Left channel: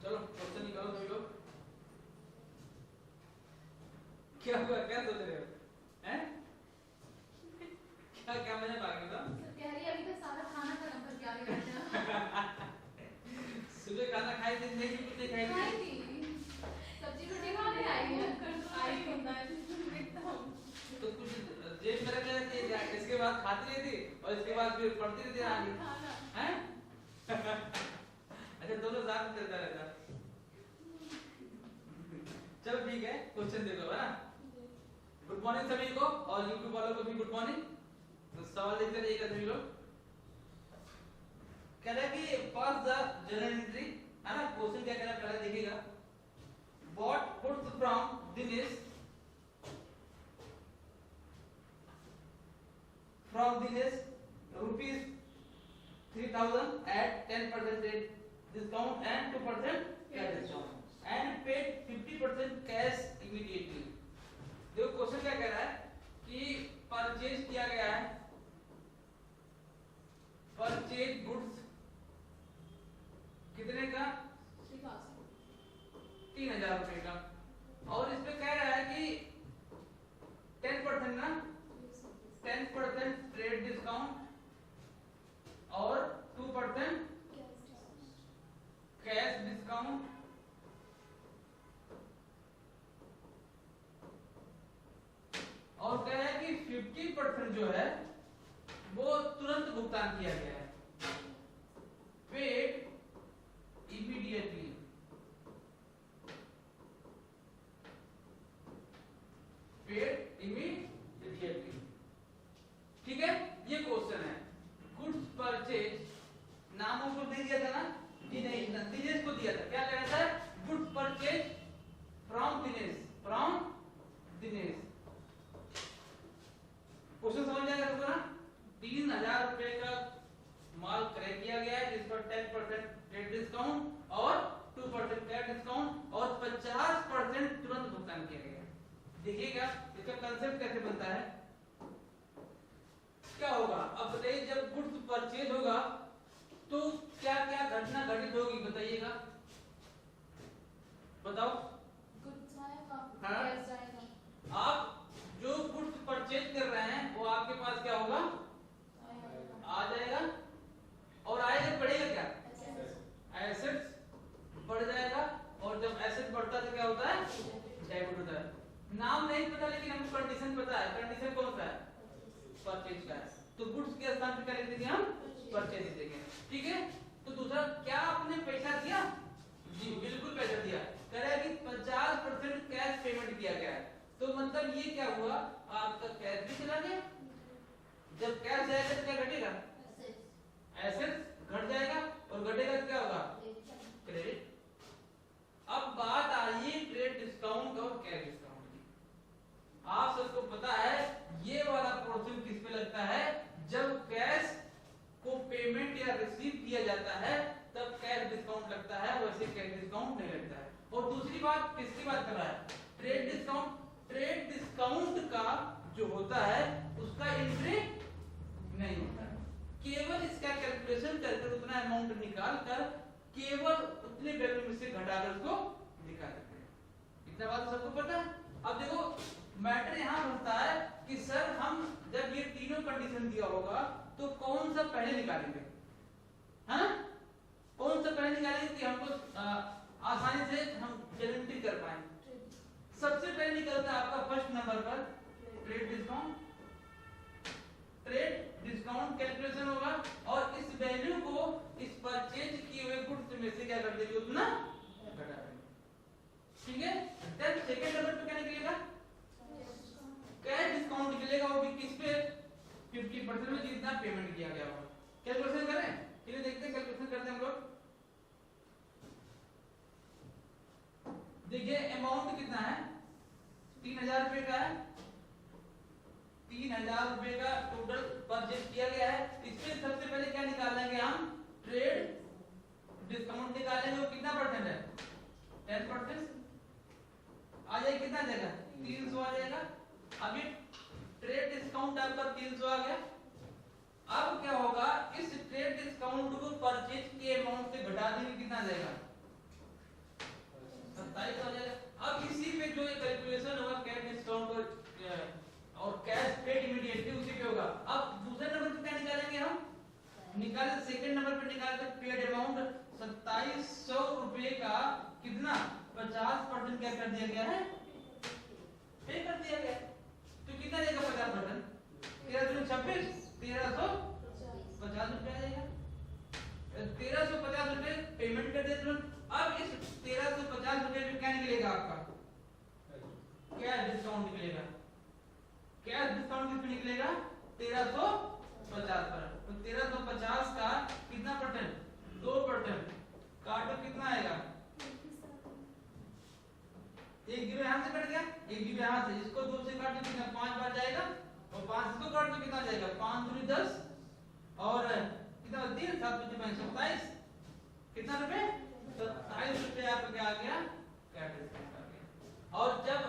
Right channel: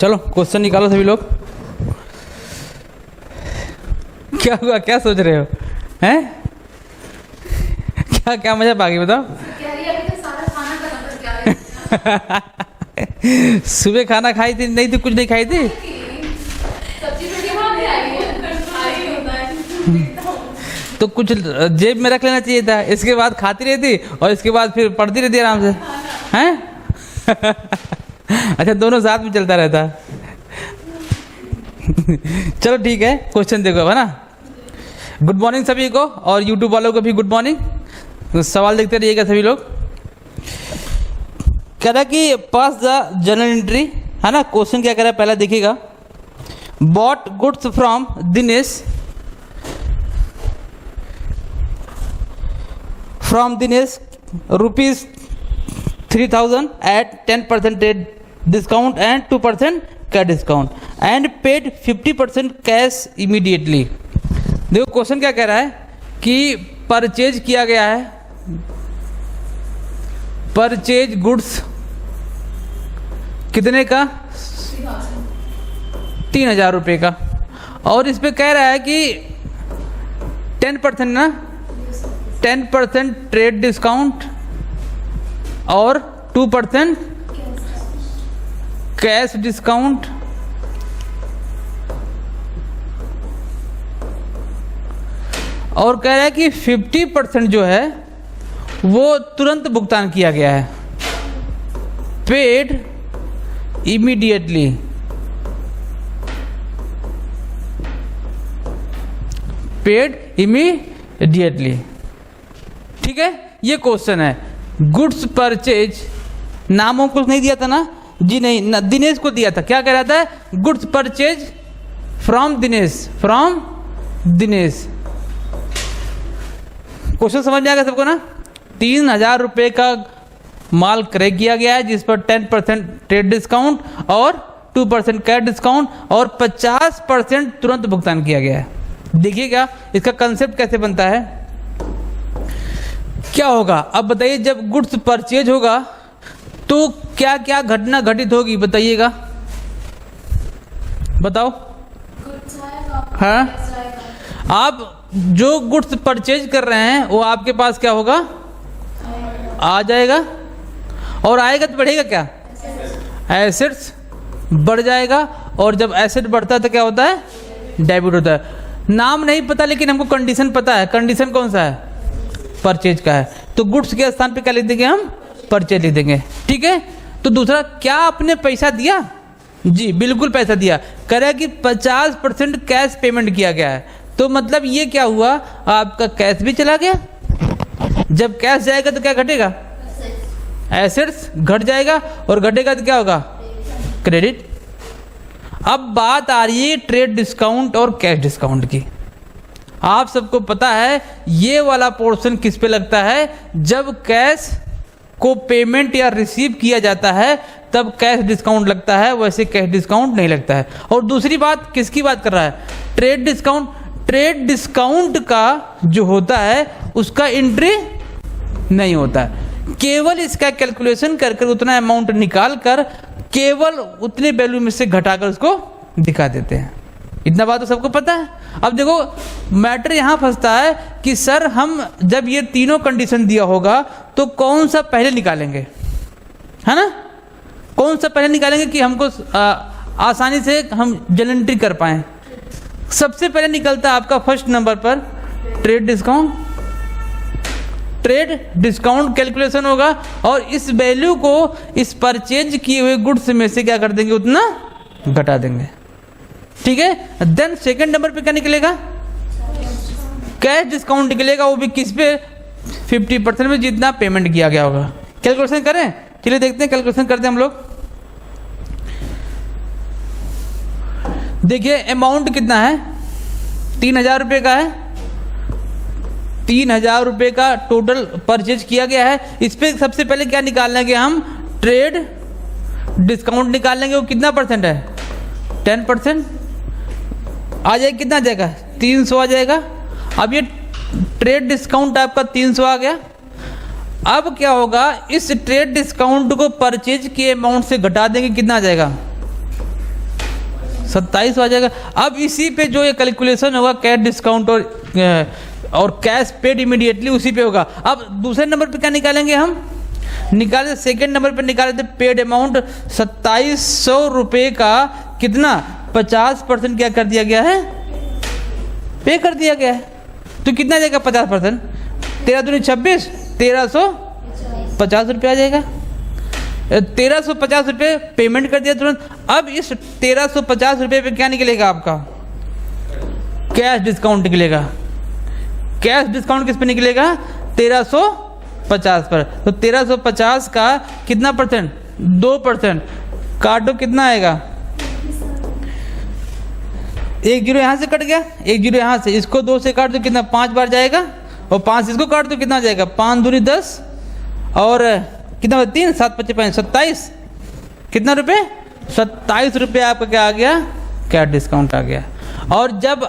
चलो क्वेश्चन निकालो सभी लोग। क्या हुआ, क्या सोच रहे हो? हैं? क्या क्या मजा आ गई बताओ। सुबह खाना खाई थी? नहीं थी, कुछ नहीं खाई थी। तो कुछ जेब में रख लेना चाहिए था, इसके बाद खाती रहती और इसके बाद फिर पढ़ती रहती आराम से, हैं? अच्छा, दोनों साथ में चलता रहता। चलो ठीक है, क्वेश्चन देखो है ना। गुड मॉर्निंग सभी को, और यूट्यूब वालों को भी गुड मॉर्निंग। तो सवाल देखते रहिएगा सभी लोग। कह रहा कि पास द जर्नल एंट्री, है ना। क्वेश्चन क्या कह रहा है पहला देखिएगा। Bought goods from Dinesh, rupees 3000 at 10% trade discount and 2% cash discount and paid 50% cash immediately। देखो क्वेश्चन क्या कह रहा है कि परचेज किया गया है, परचेज गुड्स कितने का? 3000 रुपये का, और इस पे कह रहा है कि 10% ना, 10% ट्रेड डिस्काउंट और 2% कैश डिस्काउंट, और कह रहा है कि 50% जो है वो तुरंत भुगतान किया गया है, पेड इमीडिएटली। पेड इमीडिएटली, ठीक है। ये क्वेश्चन है। गुड्स परचेज, नामों को नहीं दिया था ना जी, नहीं, दिनेश को दिया था। क्या कह रहा था? Goods purchase from Dinesh, from Dinesh. Question समझ में आ गया सबको ना। 3000 रुपये का माल क्रय किया गया है जिस पर 10% ट्रेड डिस्काउंट और 2% कैश डिस्काउंट और 50% तुरंत भुगतान किया गया है। देखिएगा इसका कंसेप्ट कैसे बनता है, क्या होगा। अब बताइए, जब गुड्स परचेज होगा तो क्या क्या घटना घटित होगी, बताइएगा, बताओ। हाँ, आप जो गुड्स परचेज कर रहे हैं वो आपके पास क्या होगा? आ जाएगा, और आएगा तो बढ़ेगा क्या? एसेट्स बढ़ जाएगा, और जब एसेट बढ़ता है तो क्या होता है? डेबिट होता है। नाम नहीं पता लेकिन हमको कंडीशन पता है। कंडीशन कौन सा है? परचेज का है, तो गुड्स के स्थान पे क्या लिख देंगे हम? परचेज लिख देंगे, ठीक है। तो दूसरा, क्या आपने पैसा दिया? जी बिल्कुल पैसा दिया। कह रहा है कि 50% कैश पेमेंट किया गया है, तो मतलब ये क्या हुआ? आपका कैश भी चला गया। जब कैश जाएगा तो क्या घटेगा? एसेट्स घट जाएगा, और घटेगा तो क्या होगा? क्रेडिट। अब बात आ रही है ट्रेड डिस्काउंट और कैश डिस्काउंट की। आप सबको पता है ये वाला पोर्शन किस पे लगता है? जब कैश को पेमेंट या रिसीव किया जाता है तब कैश डिस्काउंट लगता है, वैसे कैश डिस्काउंट नहीं लगता है। और दूसरी बात, किसकी बात कर रहा है? Trade discount. ट्रेड डिस्काउंट का जो होता है उसका एंट्री नहीं होता है, केवल इसका कैलकुलेशन कर उतना अमाउंट निकाल कर केवल उतने वैल्यू में से घटाकर उसको दिखा देते हैं। इतना बात तो सबको पता है। अब देखो मैटर यहाँ फंसता है कि सर हम जब ये तीनों कंडीशन दिया होगा तो कौन सा पहले निकालेंगे, है ना? कौन सा पहले निकालेंगे कि हमको आसानी से हम जर्नल एंट्री कर पाएं? सबसे पहले निकलता है आपका फर्स्ट नंबर पर trade discount. Trade discount calculation होगा, और इस वैल्यू को इस परचेज किए हुए गुड्स में से क्या कर देंगे? उतना घटा देंगे, ठीक है। देन सेकंड नंबर पे क्या निकलेगा? कैश डिस्काउंट निकलेगा, वो भी किस पे? 50% में जितना पेमेंट किया गया होगा। कैलकुलेशन करें, चलिए देखते हैं, कैलकुलेशन करते हैं हम लोग। देखिए अमाउंट कितना है? 3000 रुपये का है। 3000 रुपये का टोटल परचेज किया गया है। इस पे सबसे पहले क्या निकाल लेंगे हम? ट्रेड डिस्काउंट निकाल लेंगे। वो कितना परसेंट है? 10% आ जाएगा। कितना आ जाएगा? 300 आ जाएगा। अब ये ट्रेड डिस्काउंट आपका 300 आ गया। अब क्या होगा? इस ट्रेड डिस्काउंट को परचेज के अमाउंट से घटा देंगे, कितना आ जाएगा? 27 आ जाएगा। अब इसी पे जो ये कैलकुलेशन होगा कैश डिस्काउंट और कैश पेड इमीडिएटली उसी पे होगा। अब दूसरे नंबर पे क्या निकालेंगे हम, निकाले सेकेंड नंबर पे निकाले थे पेड अमाउंट 2700 रुपये का कितना 50% क्या कर दिया गया है, पे कर दिया गया है। तो कितना जाएगा 50%, 13 दूनी 26, 1350 रुपये आ जाएगा। 1350 रुपये पेमेंट कर दिया तुरंत। अब इस 1350 रुपये पे क्या निकलेगा आपका, कैश डिस्काउंट निकलेगा। कैश डिस्काउंट किस पे निकलेगा, 1350 पर। तो 1350 का कितना परसेंट, 2%, काटो कितना आएगा, 1 जीरो यहाँ से कट गया, 1 जीरो यहाँ से, इसको 2 से काट दो कितना 5 बार जाएगा, और 5 इसको काट दो कितना जाएगा, 5 दूनी 10 और कितना 3, 7 25 5 27, कितना रुपए, 27 रुपये आपका क्या आ गया, कैश डिस्काउंट आ गया। और जब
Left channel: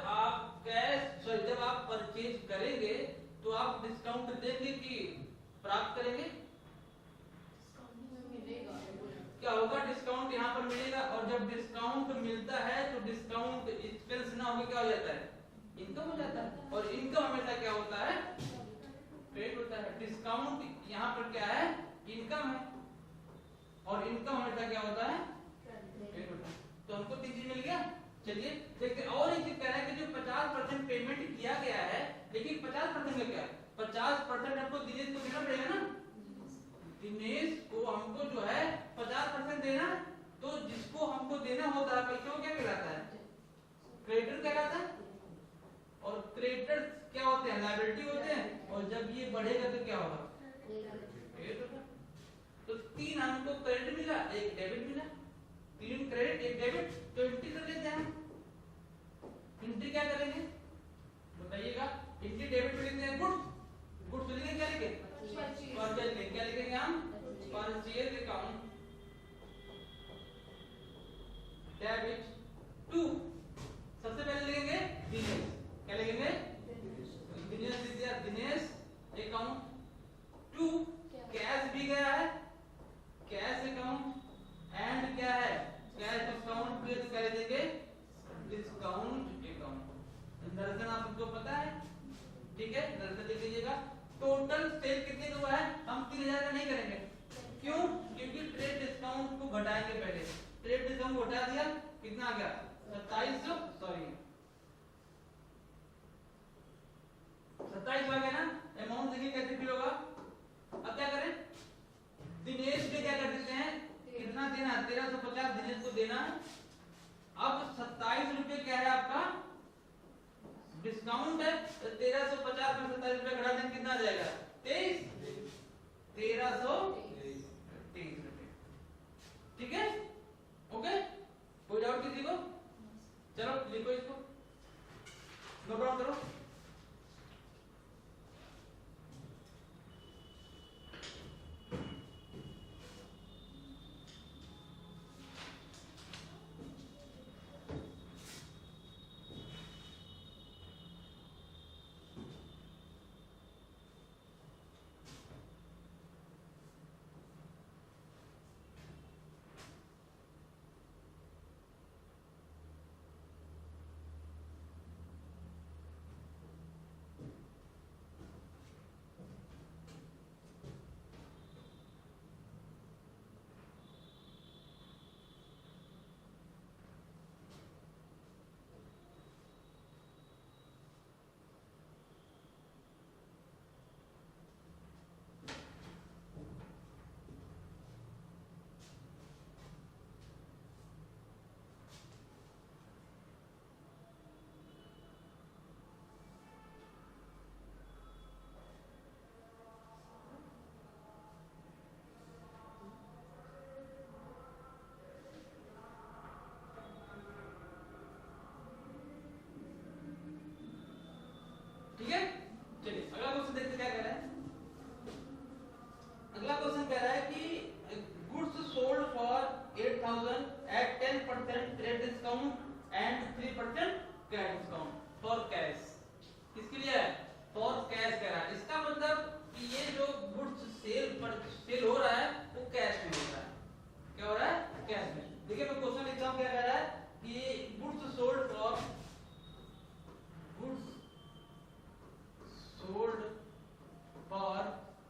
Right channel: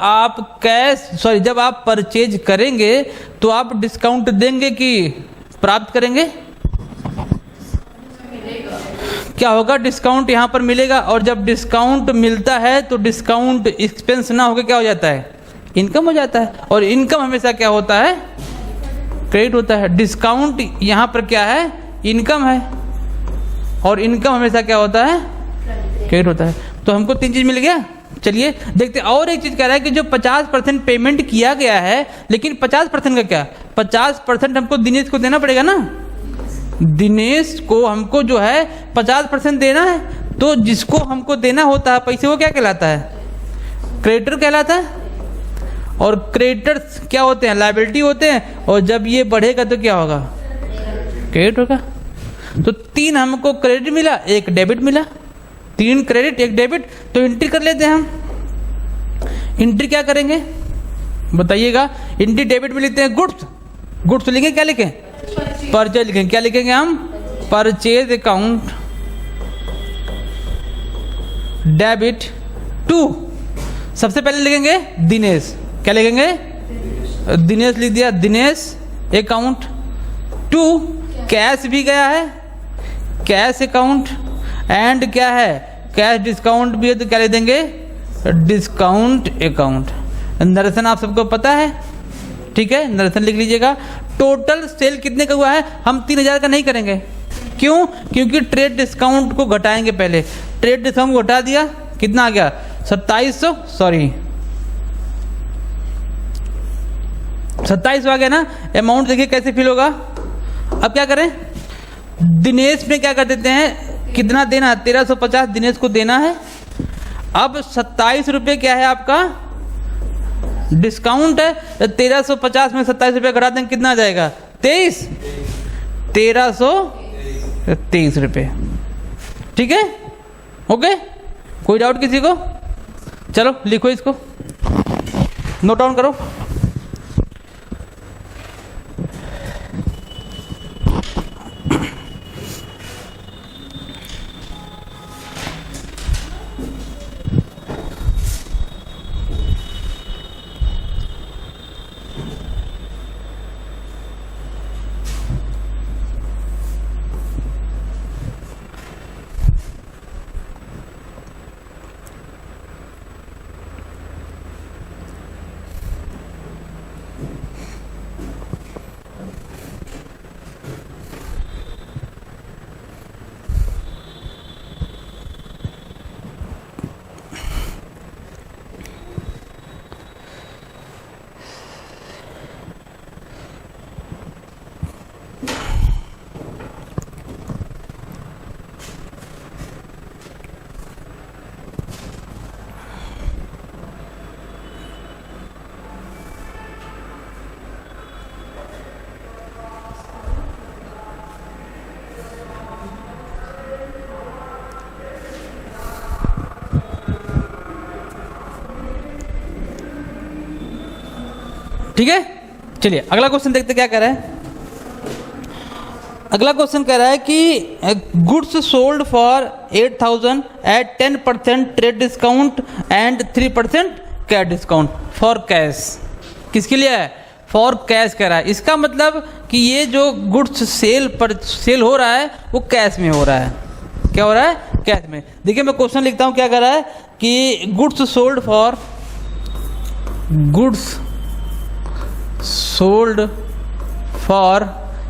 आप परचेज करेंगे तो आप डिस्काउंट देंगे कि प्राप्त करेंगे, क्या होगा, डिस्काउंट यहाँ पर मिलेगा। और जब डिस्काउंट मिलता है तो डिस्काउंट एक्सपेंस ना होकर क्या हो जाता है, इनकम हो जाता है। और इनकम हमेशा क्या होता है, क्रेडिट होता है। डिस्काउंट यहाँ पर क्या है, इनकम है, और इनकम हमेशा क्या होता है, क्रेडिट होता है। तो हमको 3 चीज मिल गया। चलिए देखते, और एक चीज कह रहा है कि जो 50% पेमेंट किया गया है, लेकिन 50% का क्या, 50% हमको दिनेश को देना पड़ेगा ना, दिनेश को हमको जो है 50% देना है। तो जिसको हमको देना होता है पैसे, वो क्या कहलाता है, क्रेडिटर कहलाता है। और क्रेडिटर्स क्या होते हैं, लायबिलिटी होते हैं। और जब ये बढ़ेगा तो क्या होगा, क्रेडिट होगा। तो 3 हमको क्रेडिट मिला, 1 डेबिट मिला, 3 क्रेडिट 1 डेबिट। तो एंट्री कर लेते हैं हम। एंट्री क्या करेंगे बताइएगा, एंट्री डेबिट में लिखते हैं गुड्स, गुड्स लिखेंगे, क्या लिखें, परचेज लिखेंगे। क्या लिखेंगे हम, परचेज अकाउंट डेबिट टू, सबसे पहले लिखेंगे दिनेश, क्या लिखेंगे, दिनेश लिख दिया, दिनेश अकाउंट टू, कैश भी गया है, कैश अकाउंट, एंड क्या है, कैश डिस्काउंट भी है तो क्या लिख देंगे, डिस्काउंट अकाउंट। नरेशन आप सबको पता है, ठीक है, नरेशन लिख लीजिएगा। टोटल सेल कितने का हुआ है, हम 3000 का नहीं करेंगे, क्यों, क्योंकि ट्रेड डिस्काउंट को घटाएंगे पहले। ट्रेड डिस्काउंट घटा दिया, कितना आ गया 2700, सॉरी 2700 आ गया ना। अमाउंट देखिए कैसे फिल होगा। अब क्या करें, दिनेश में क्या कर देते हैं, कितना देना है, 1350 दिनेश को देना है। अब 27 रुपये क्या है आपका डिस्काउंट है, 1350 में 27 रुपये घटा देंगे, कितना आ जाएगा 1323 रुपये। ठीक है, ओके, कोई डाउट किसी को, चलो लिखो इसको, नोट डाउन करो। ठीक है, चलिए अगला क्वेश्चन देखते क्या कह रहा है। अगला क्वेश्चन कह रहा है कि goods sold for 8000 at 10% trade discount and 3% cash discount for cash. किसके लिए है, फॉर कैश कह रहा है। इसका मतलब कि ये जो गुड्स सेल हो रहा है वो कैश में हो रहा है। क्या हो रहा है? कैश में। देखिए मैं क्वेश्चन लिखता हूँ, क्या कर रहा है कि गुड्स सोल्ड फॉर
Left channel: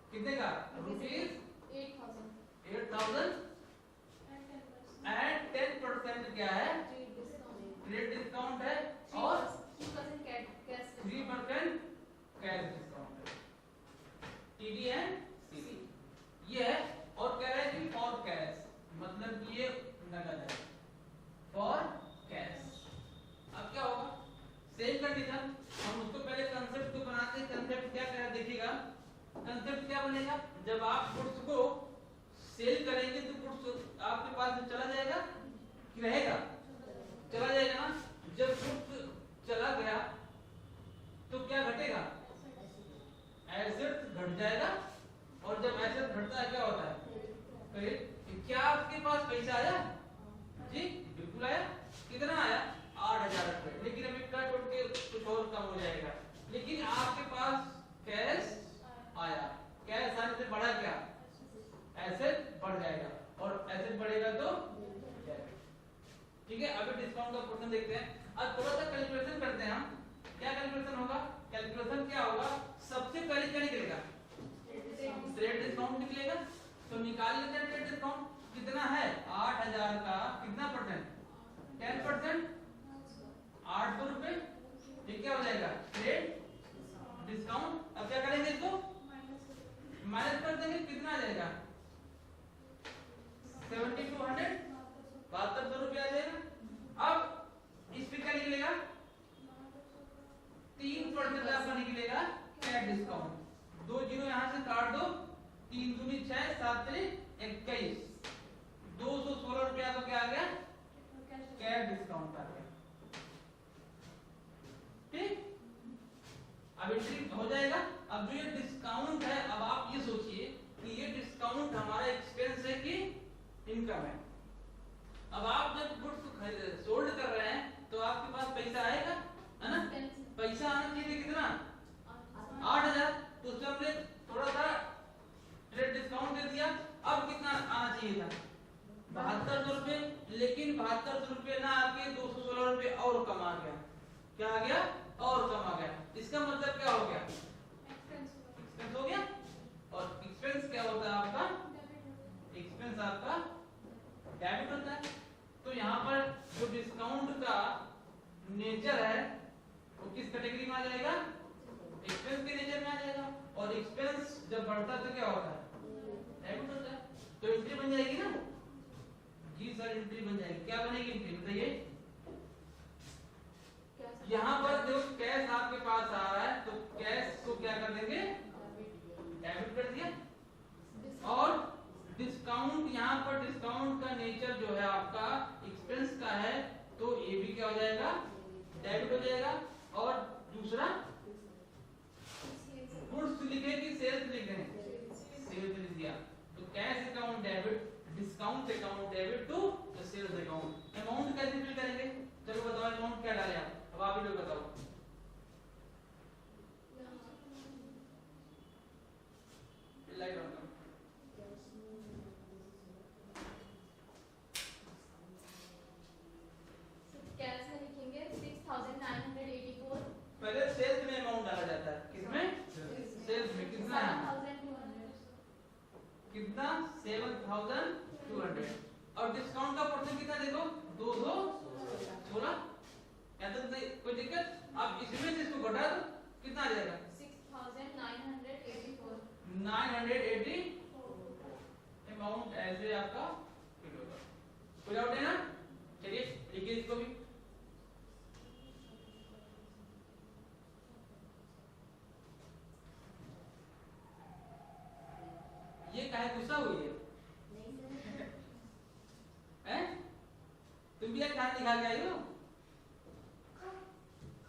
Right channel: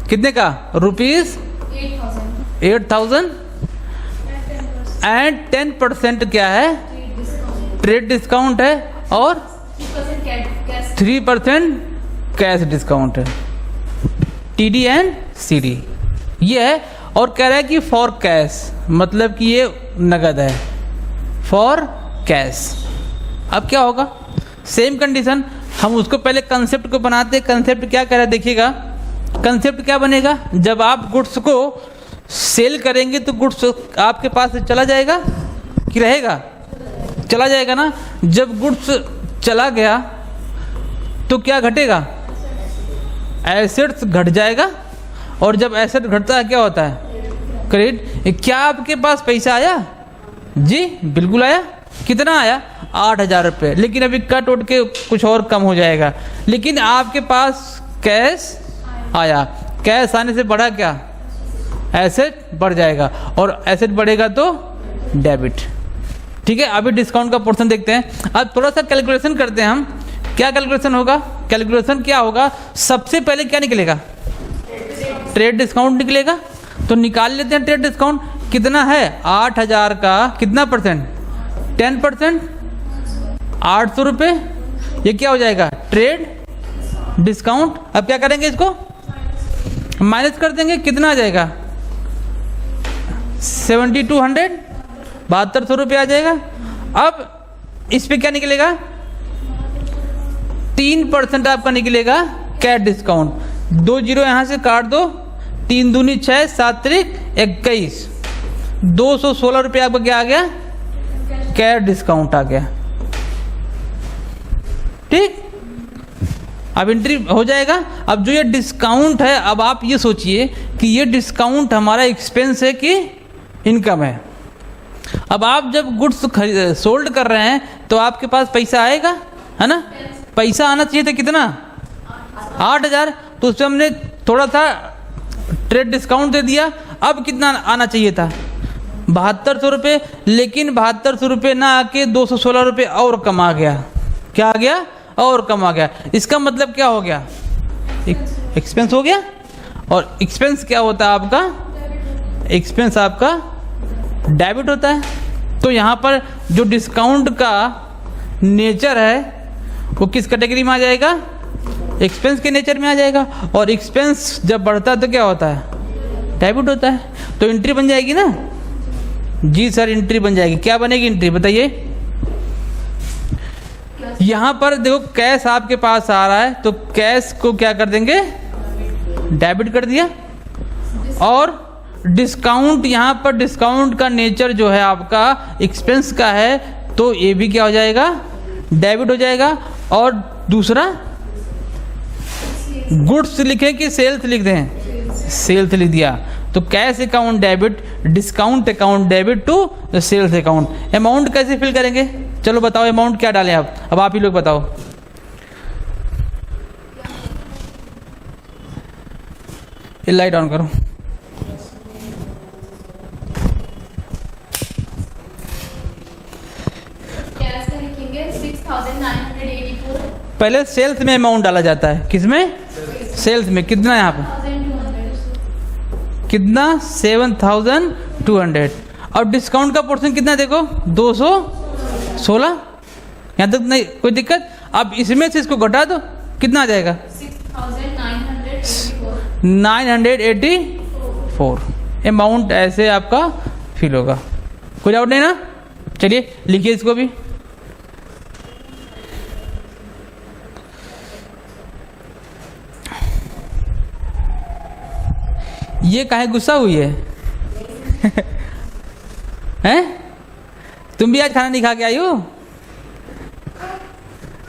कितने का? रुपीज 8,000 एंड 10% क्या है? ट्रेड डिस्काउंट है और 3% कैश डिस्काउंट है, TD एंड CD ये है। और कह रहा है कि फॉर कैश, मतलब कि ये नगद है, फॉर कैश। अब क्या होगा? सेम कंडीशन, हम उसको पहले कंसेप्ट को बनाते हैं। कंसेप्ट क्या कह रहा है देखिएगा, कंसेप्ट क्या बनेगा? जब आप गुड्स को सेल करेंगे तो गुड्स आपके पास से चला जाएगा कि रहेगा? चला जाएगा ना। जब गुड्स चला गया तो क्या घटेगा? एसेट्स घट जाएगा। और जब एसेट घटता है क्या होता है? क्रेडिट। क्या आपके पास पैसा आया? जी बिल्कुल आया। कितना आया? 8,000 रुपये। लेकिन अभी कट उठ के कुछ और कम हो जाएगा, लेकिन आपके पास कैश आया। कैश आने से बढ़ा क्या? एसेट बढ़ जाएगा, और एसेट बढ़ेगा तो डेबिट। ठीक है, अभी डिस्काउंट का पोर्शन देखते हैं। अब थोड़ा सा कैलकुलेशन करते हैं हम। क्या कैलकुलेशन होगा? कैलकुलेशन क्या होगा? सबसे पहले क्या निकलेगा? ट्रेड डिस्काउंट निकलेगा। तो निकाल लेते हैं ट्रेड डिस्काउंट। कितना है? 8,000 का कितना परसेंट? 10%, 800 रुपये। ये क्या हो जाएगा? Trade discount. अब क्या करेंगे? इसको माइनस कर देंगे। कितना आ जाएगा? 7200, 7200 रुपये आ जाएगा। अब इस पे क्या निकलेगा? 3% आपका निकलेगा कैश डिस्काउंट। 2 जीरो यहाँ से काट दो, 3 दूनी 6, 7 त्रिक 21, 216 रुपये आपका क्या आ गया? कैश डिस्काउंट आ गया। ठीक, अब एंट्री हो जाएगा। अब जो ये डिस्काउंट है, अब आप ये सोचिए कि ये डिस्काउंट हमारा एक्सपेंस है कि इनकम है। अब आप जब गुड्स सोल्ड कर रहे हैं तो आपके पास पैसा आएगा, है ना? पैसा आना चाहिए था कितना? 8,000। तो उसमें हमने थोड़ा सा ट्रेड डिस्काउंट दे दिया। अब कितना आना चाहिए था? 7200 रुपये। लेकिन 7200 रुपये ना आके 216 रुपये और कम आ गया। क्या आ गया? और कम आ गया। इसका मतलब क्या हो गया? एक्सपेंस हो गया। और एक्सपेंस क्या होता है आपका? एक्सपेंस आपका डेबिट होता है। तो यहाँ पर जो डिस्काउंट का नेचर है वो किस कैटेगरी में आ जाएगा? एक्सपेंस के नेचर में आ जाएगा। और एक्सपेंस जब बढ़ता है तो क्या होता है? डेबिट होता है। तो एंट्री बन जाएगी ना? जी सर, एंट्री बन जाएगी। क्या बनेगी एंट्री बताइए? यहाँ पर देखो कैश आपके पास आ रहा है, तो कैश को क्या कर देंगे? डेबिट कर दिया। और डिस्काउंट, यहाँ पर डिस्काउंट का नेचर जो है आपका एक्सपेंस का है, तो ये भी क्या हो जाएगा? डेबिट हो जाएगा। और दूसरा गुड्स लिखे कि सेल्स लिख दें? सेल्स लिख दिया। तो cash account debit, discount account debit to sales account. Amount कैसे फिल करेंगे? चलो बताओ, अमाउंट क्या डालें आप? अब आप ही लोग बताओ। ये लाइट ऑन करो। पहले सेल्स में अमाउंट डाला जाता है। किसमें? सेल्स में। कितना है यहाँ पे? कितना? 7,200। और डिस्काउंट का पोर्शन कितना? देखो 216। यहाँ तक नहीं कोई दिक्कत। अब इसमें से इसको घटा दो, कितना आ जाएगा? 984। अमाउंट ऐसे आपका फिल होगा। कोई डाउट नहीं ना? चलिए लिखिए इसको भी। ये काहे गुस्सा हुई है? हैं? तुम भी आज खाना नहीं खा के आई हो?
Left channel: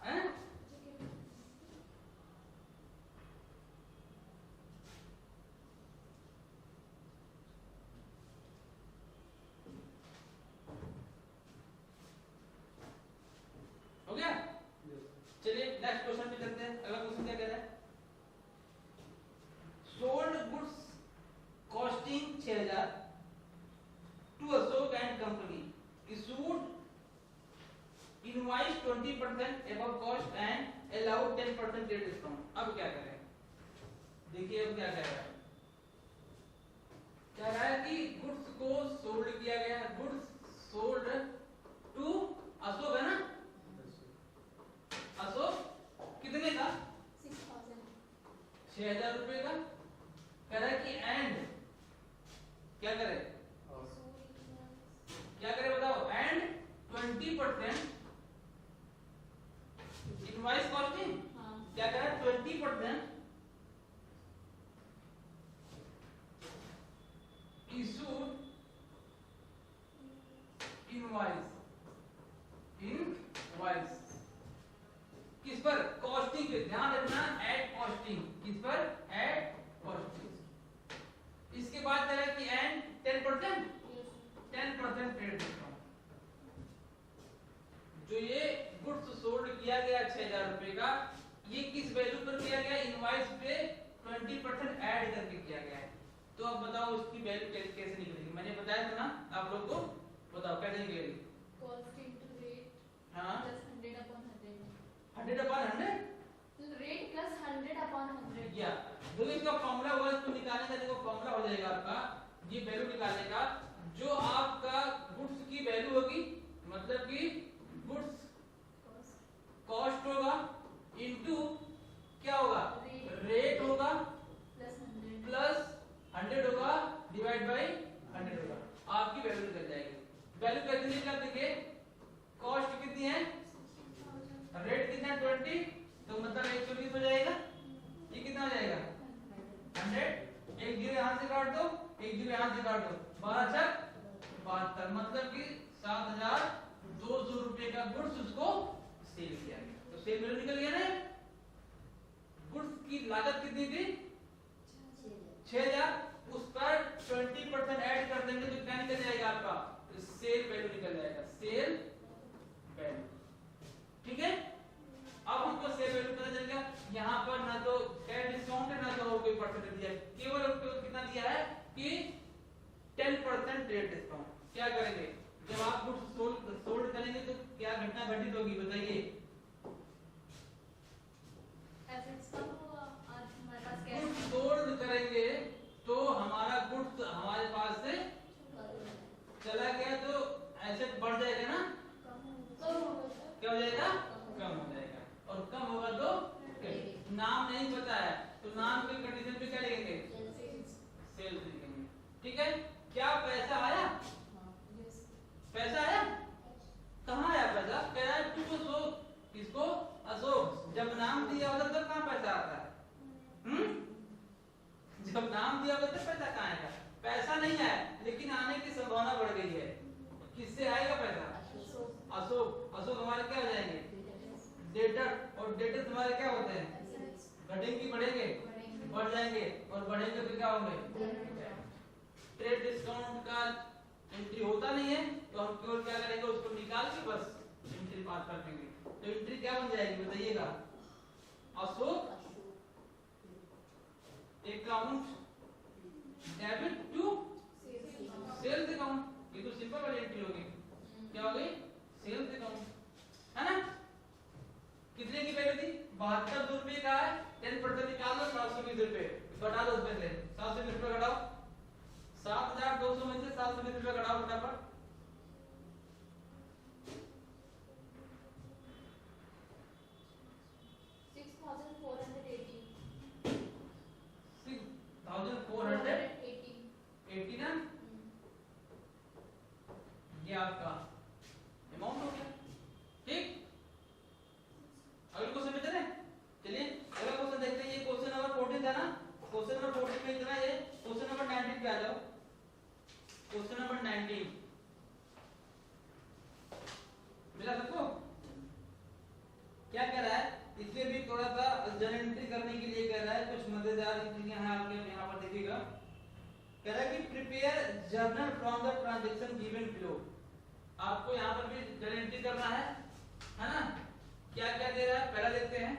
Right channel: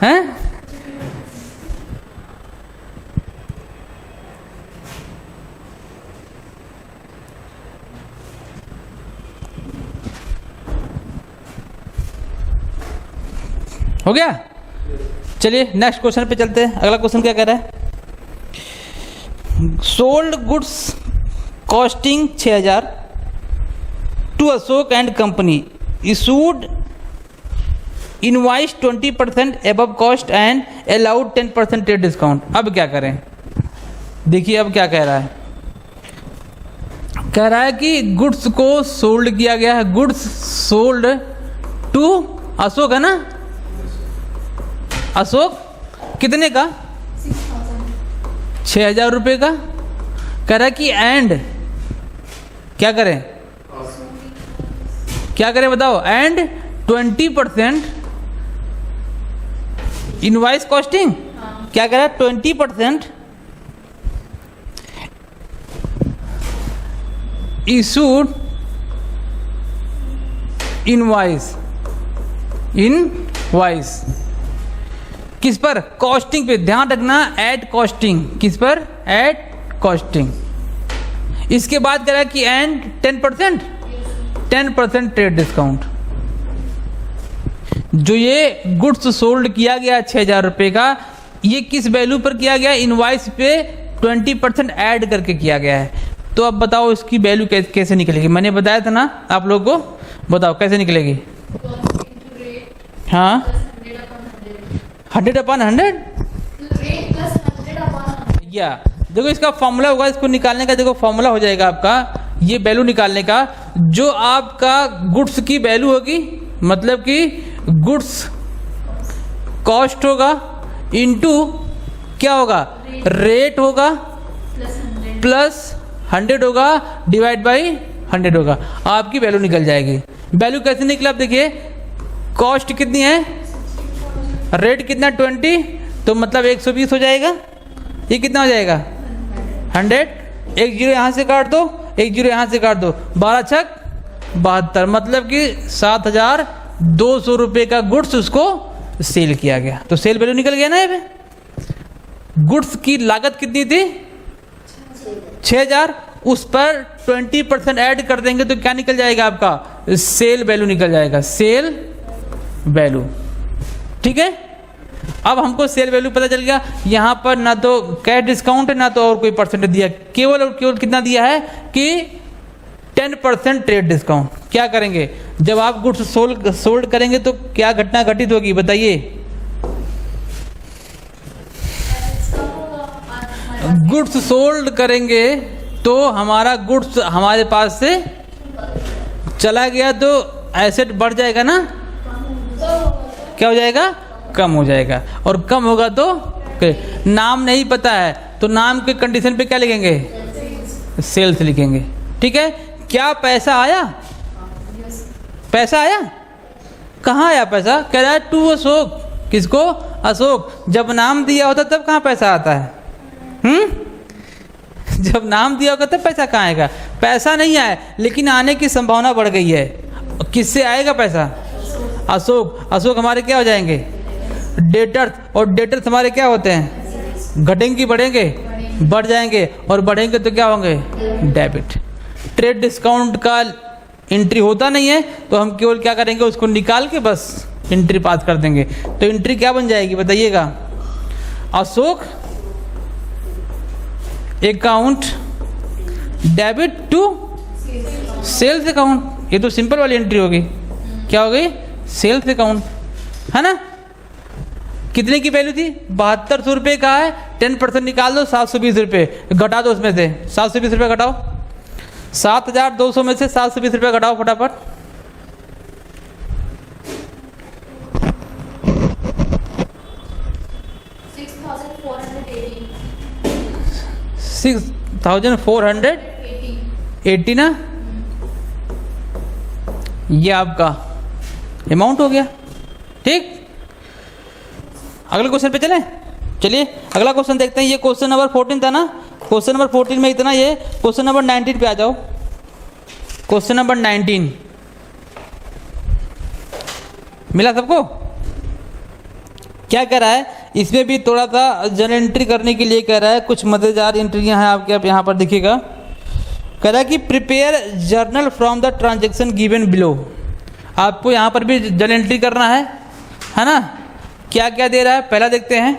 हैं? हो गया? चलिए नेक्स्ट क्वेश्चन पे चलते हैं। अगला क्वेश्चन क्या कह रहा है? Sold goods costing 6,000 to Ashok and company issued invoice 20% above cost and allowed 10% trade discount. अब क्या करें, देखिए अब क्या कह रहा है, कह रहा है कि गुड्स को सोल्ड किया गया है, गुड्स सोल्ड टू अशोक, है ना, अशोक कितने का, 6,000 रुपये का। कह रहा है कि एंड क्या करें, क्या करें बताओ, एंड 20% इनवाइस कॉस्टिंग, क्या कह रहा है 20% इशूड इनवाइस किस पर, कॉस्टिंग पे, ध्यान रखना एट कॉस्टिंग, किस पर, एट कॉस्टिंग। इसके बाद कह रहा है कि एंड 10% ट्रेड डिस्काउंट। जो ये गुड्स सोल्ड किया गया 6,000 रुपये का, ये किस वैल्यू पर किया गया, इनवाइस पे 20% ऐड करके किया गया है। तो अब बताओ इसकी वैल्यू कैसे निकलेगी, मैंने बताया था ना आप लोगों को, बताओ कैसे निकलेगी। हाँ 100/100 या देखो इसका फॉर्मूला होगा, इसको निकालने का देखो फॉर्मूला हो जाएगा आपका, ये वैल्यू निकालने का, जो आपका गुड्स की वैल्यू होगी, मतलब कि गुड्स कॉस्ट होगा इनटू क्या होगा, रेट होगा प्लस 100 होगा डिवाइड बाई 100 होगा, आपकी वैल्यू निकल जाएगी। वैल्यू कैसे निकला आप देखिए, कॉस्ट कितनी है, रेट कितना 20, तो मतलब 120 हो जाएगा, ये कितना हो जाएगा 100, एक जीरो यहाँ से काट दो, एक जीरो यहाँ से काट दो, 12 छक 72, मतलब कि 7,200 रुपये का गुड्स उसको सेल किया गया। तो सेल वैल्यू निकल गया ना ये पे। गुड्स की लागत कितनी थी 6,000, उस पर 20% ऐड कर देंगे तो क्या निकल जाएगा आपका, सेल वैल्यू निकल जाएगा, सेल वैल्यू। ठीक है, अब हमको सेल वैल्यू पता चल गया। यहाँ पर ना तो कैश डिस्काउंट है ना तो और कोई परसेंटेज दिया, केवल और केवल कितना दिया है कि 10% ट्रेड डिस्काउंट। क्या करेंगे, जब आप गुड्स सोल्ड करेंगे तो क्या घटना घटित होगी बताइए, गुड्स सोल्ड करेंगे तो हमारा गुड्स हमारे पास से चला गया तो एसेट बढ़ जाएगा ना, क्या हो जाएगा, कम हो जाएगा, और कम होगा तो नाम नहीं पता है तो नाम के कंडीशन पे क्या लिखेंगे, सेल्स लिखेंगे। ठीक है, क्या पैसा आया, पैसा आया, कहाँ आया पैसा, कह रहा है टू अशोक, किसको, अशोक। जब नाम दिया होता तब कहाँ पैसा आता है, जब नाम दिया होगा तब पैसा कहाँ आएगा, पैसा नहीं आया लेकिन आने की संभावना बढ़ गई है। किससे आएगा पैसा, अशोक। अशोक हमारे क्या हो जाएंगे, डेटर्स, और डेटर्स हमारे क्या होते हैं, घटेंगे बढ़ेंगे, बढ़ जाएंगे, और बढ़ेंगे तो क्या होंगे, डेबिट। ट्रेड डिस्काउंट का एंट्री होता नहीं है तो हम केवल क्या करेंगे, उसको निकाल के बस एंट्री पास कर देंगे। तो एंट्री क्या बन जाएगी बताइएगा, Ashok account debit to sales account. ये तो सिंपल वाली एंट्री होगी, क्या हो गई, सेल्स अकाउंट, है ना। कितने की वैल्यू थी, 7200 रुपये का है, 10% निकाल दो, 720 रुपये घटा दो, उसमें से 720 रुपये घटाओ, 7,200 में से 720 रुपये घटाओ फटाफट। 6,480 ना, ये आपका अमाउंट हो गया। ठीक, अगले क्वेश्चन पे चलें, चलिए अगला क्वेश्चन देखते हैं। ये क्वेश्चन नंबर 14 था ना, क्वेश्चन नंबर 14 में इतना, ये क्वेश्चन नंबर 19 पे आ जाओ। क्वेश्चन नंबर 19 मिला सबको, क्या कह रहा है, इसमें भी थोड़ा सा जर्नल एंट्री करने के लिए कह रहा है, कुछ मजेदार एंट्रियां हैं आपके, आप यहाँ पर देखिएगा। कह रहा है कि prepare journal from the transaction given below. आपको यहाँ पर भी जर्नल एंट्री करना है ना। क्या क्या दे रहा है, पहला देखते हैं।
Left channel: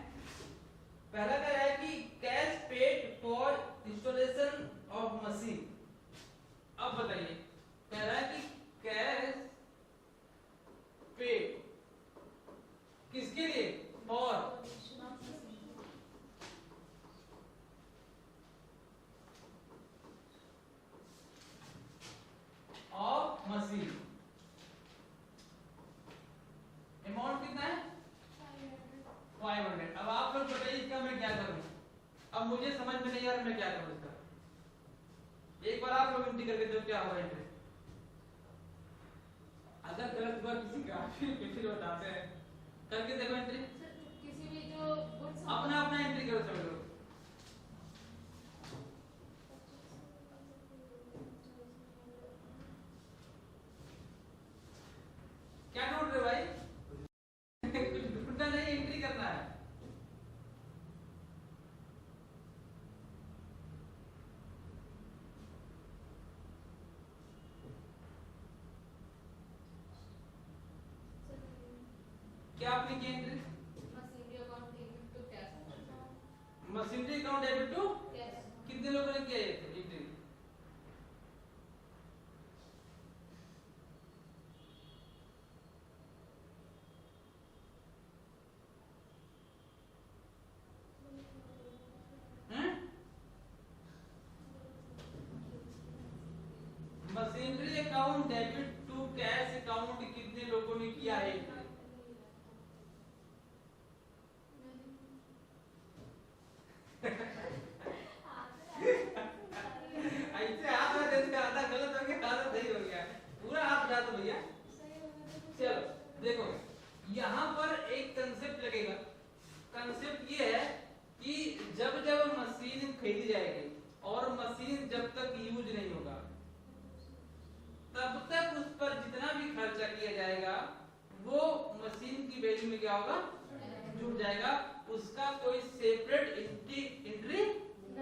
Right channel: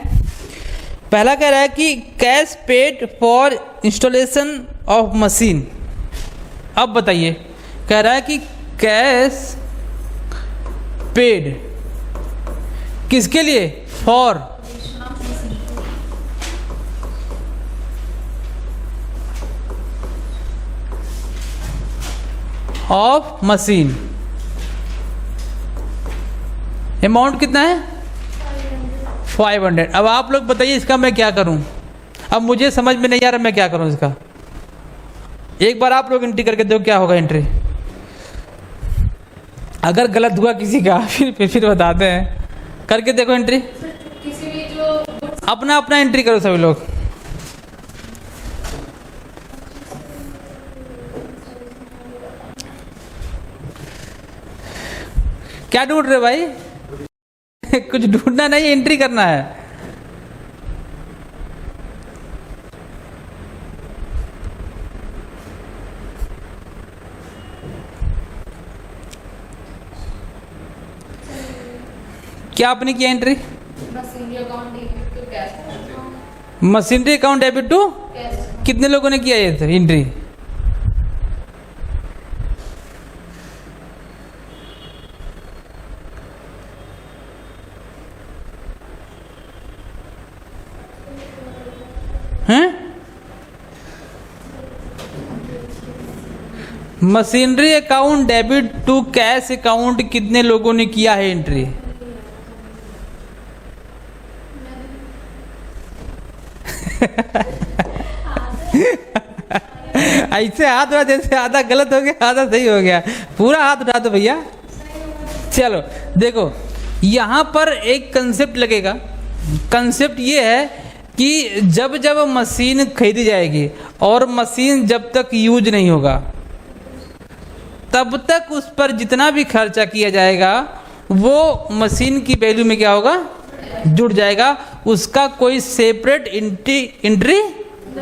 पहला कह रहा है कि cash paid for installation of machine. अब बताइए कह रहा है कि कैश पेड किसके लिए? For of machine. अमाउंट कितना है? 500। अब आप लोग बताइए इसका मैं क्या करूं? अब मुझे समझ में नहीं आ रहा मैं क्या करूं इसका। एक बार आप लोग एंट्री करके देखो क्या होगा एंट्री। अगर गलत हुआ किसी का फिर बताते हैं। करके देखो एंट्री। किसी भी जो अपना अपना एंट्री करो सभी लोग। क्या ढूंढ रहे हो भाई? कुछ ढूंढना नहीं, एंट्री करना है। क्या आपने किया entry? Machinery account debit to cash. Machinery account debit to कितने लोगों ने किया ये एंट्री? हैं? Machinery account debit to cash account कितने लोगों ने किया है एंट्री? ऐसे हाथ उठा, जैसे आधा गलत हो गया आधा सही हो गया। पूरा हाथ उठा दो भैया। चलो देखो, यहां पर एक कंसेप्ट लगेगा। कंसेप्ट ये है कि जब जब मशीन खरीदी जाएगी और मशीन जब तक यूज नहीं होगा तब तक उस पर जितना भी खर्चा किया जाएगा वो मशीन की वैल्यू में क्या होगा? जुड़ जाएगा। उसका कोई सेपरेट एंट्री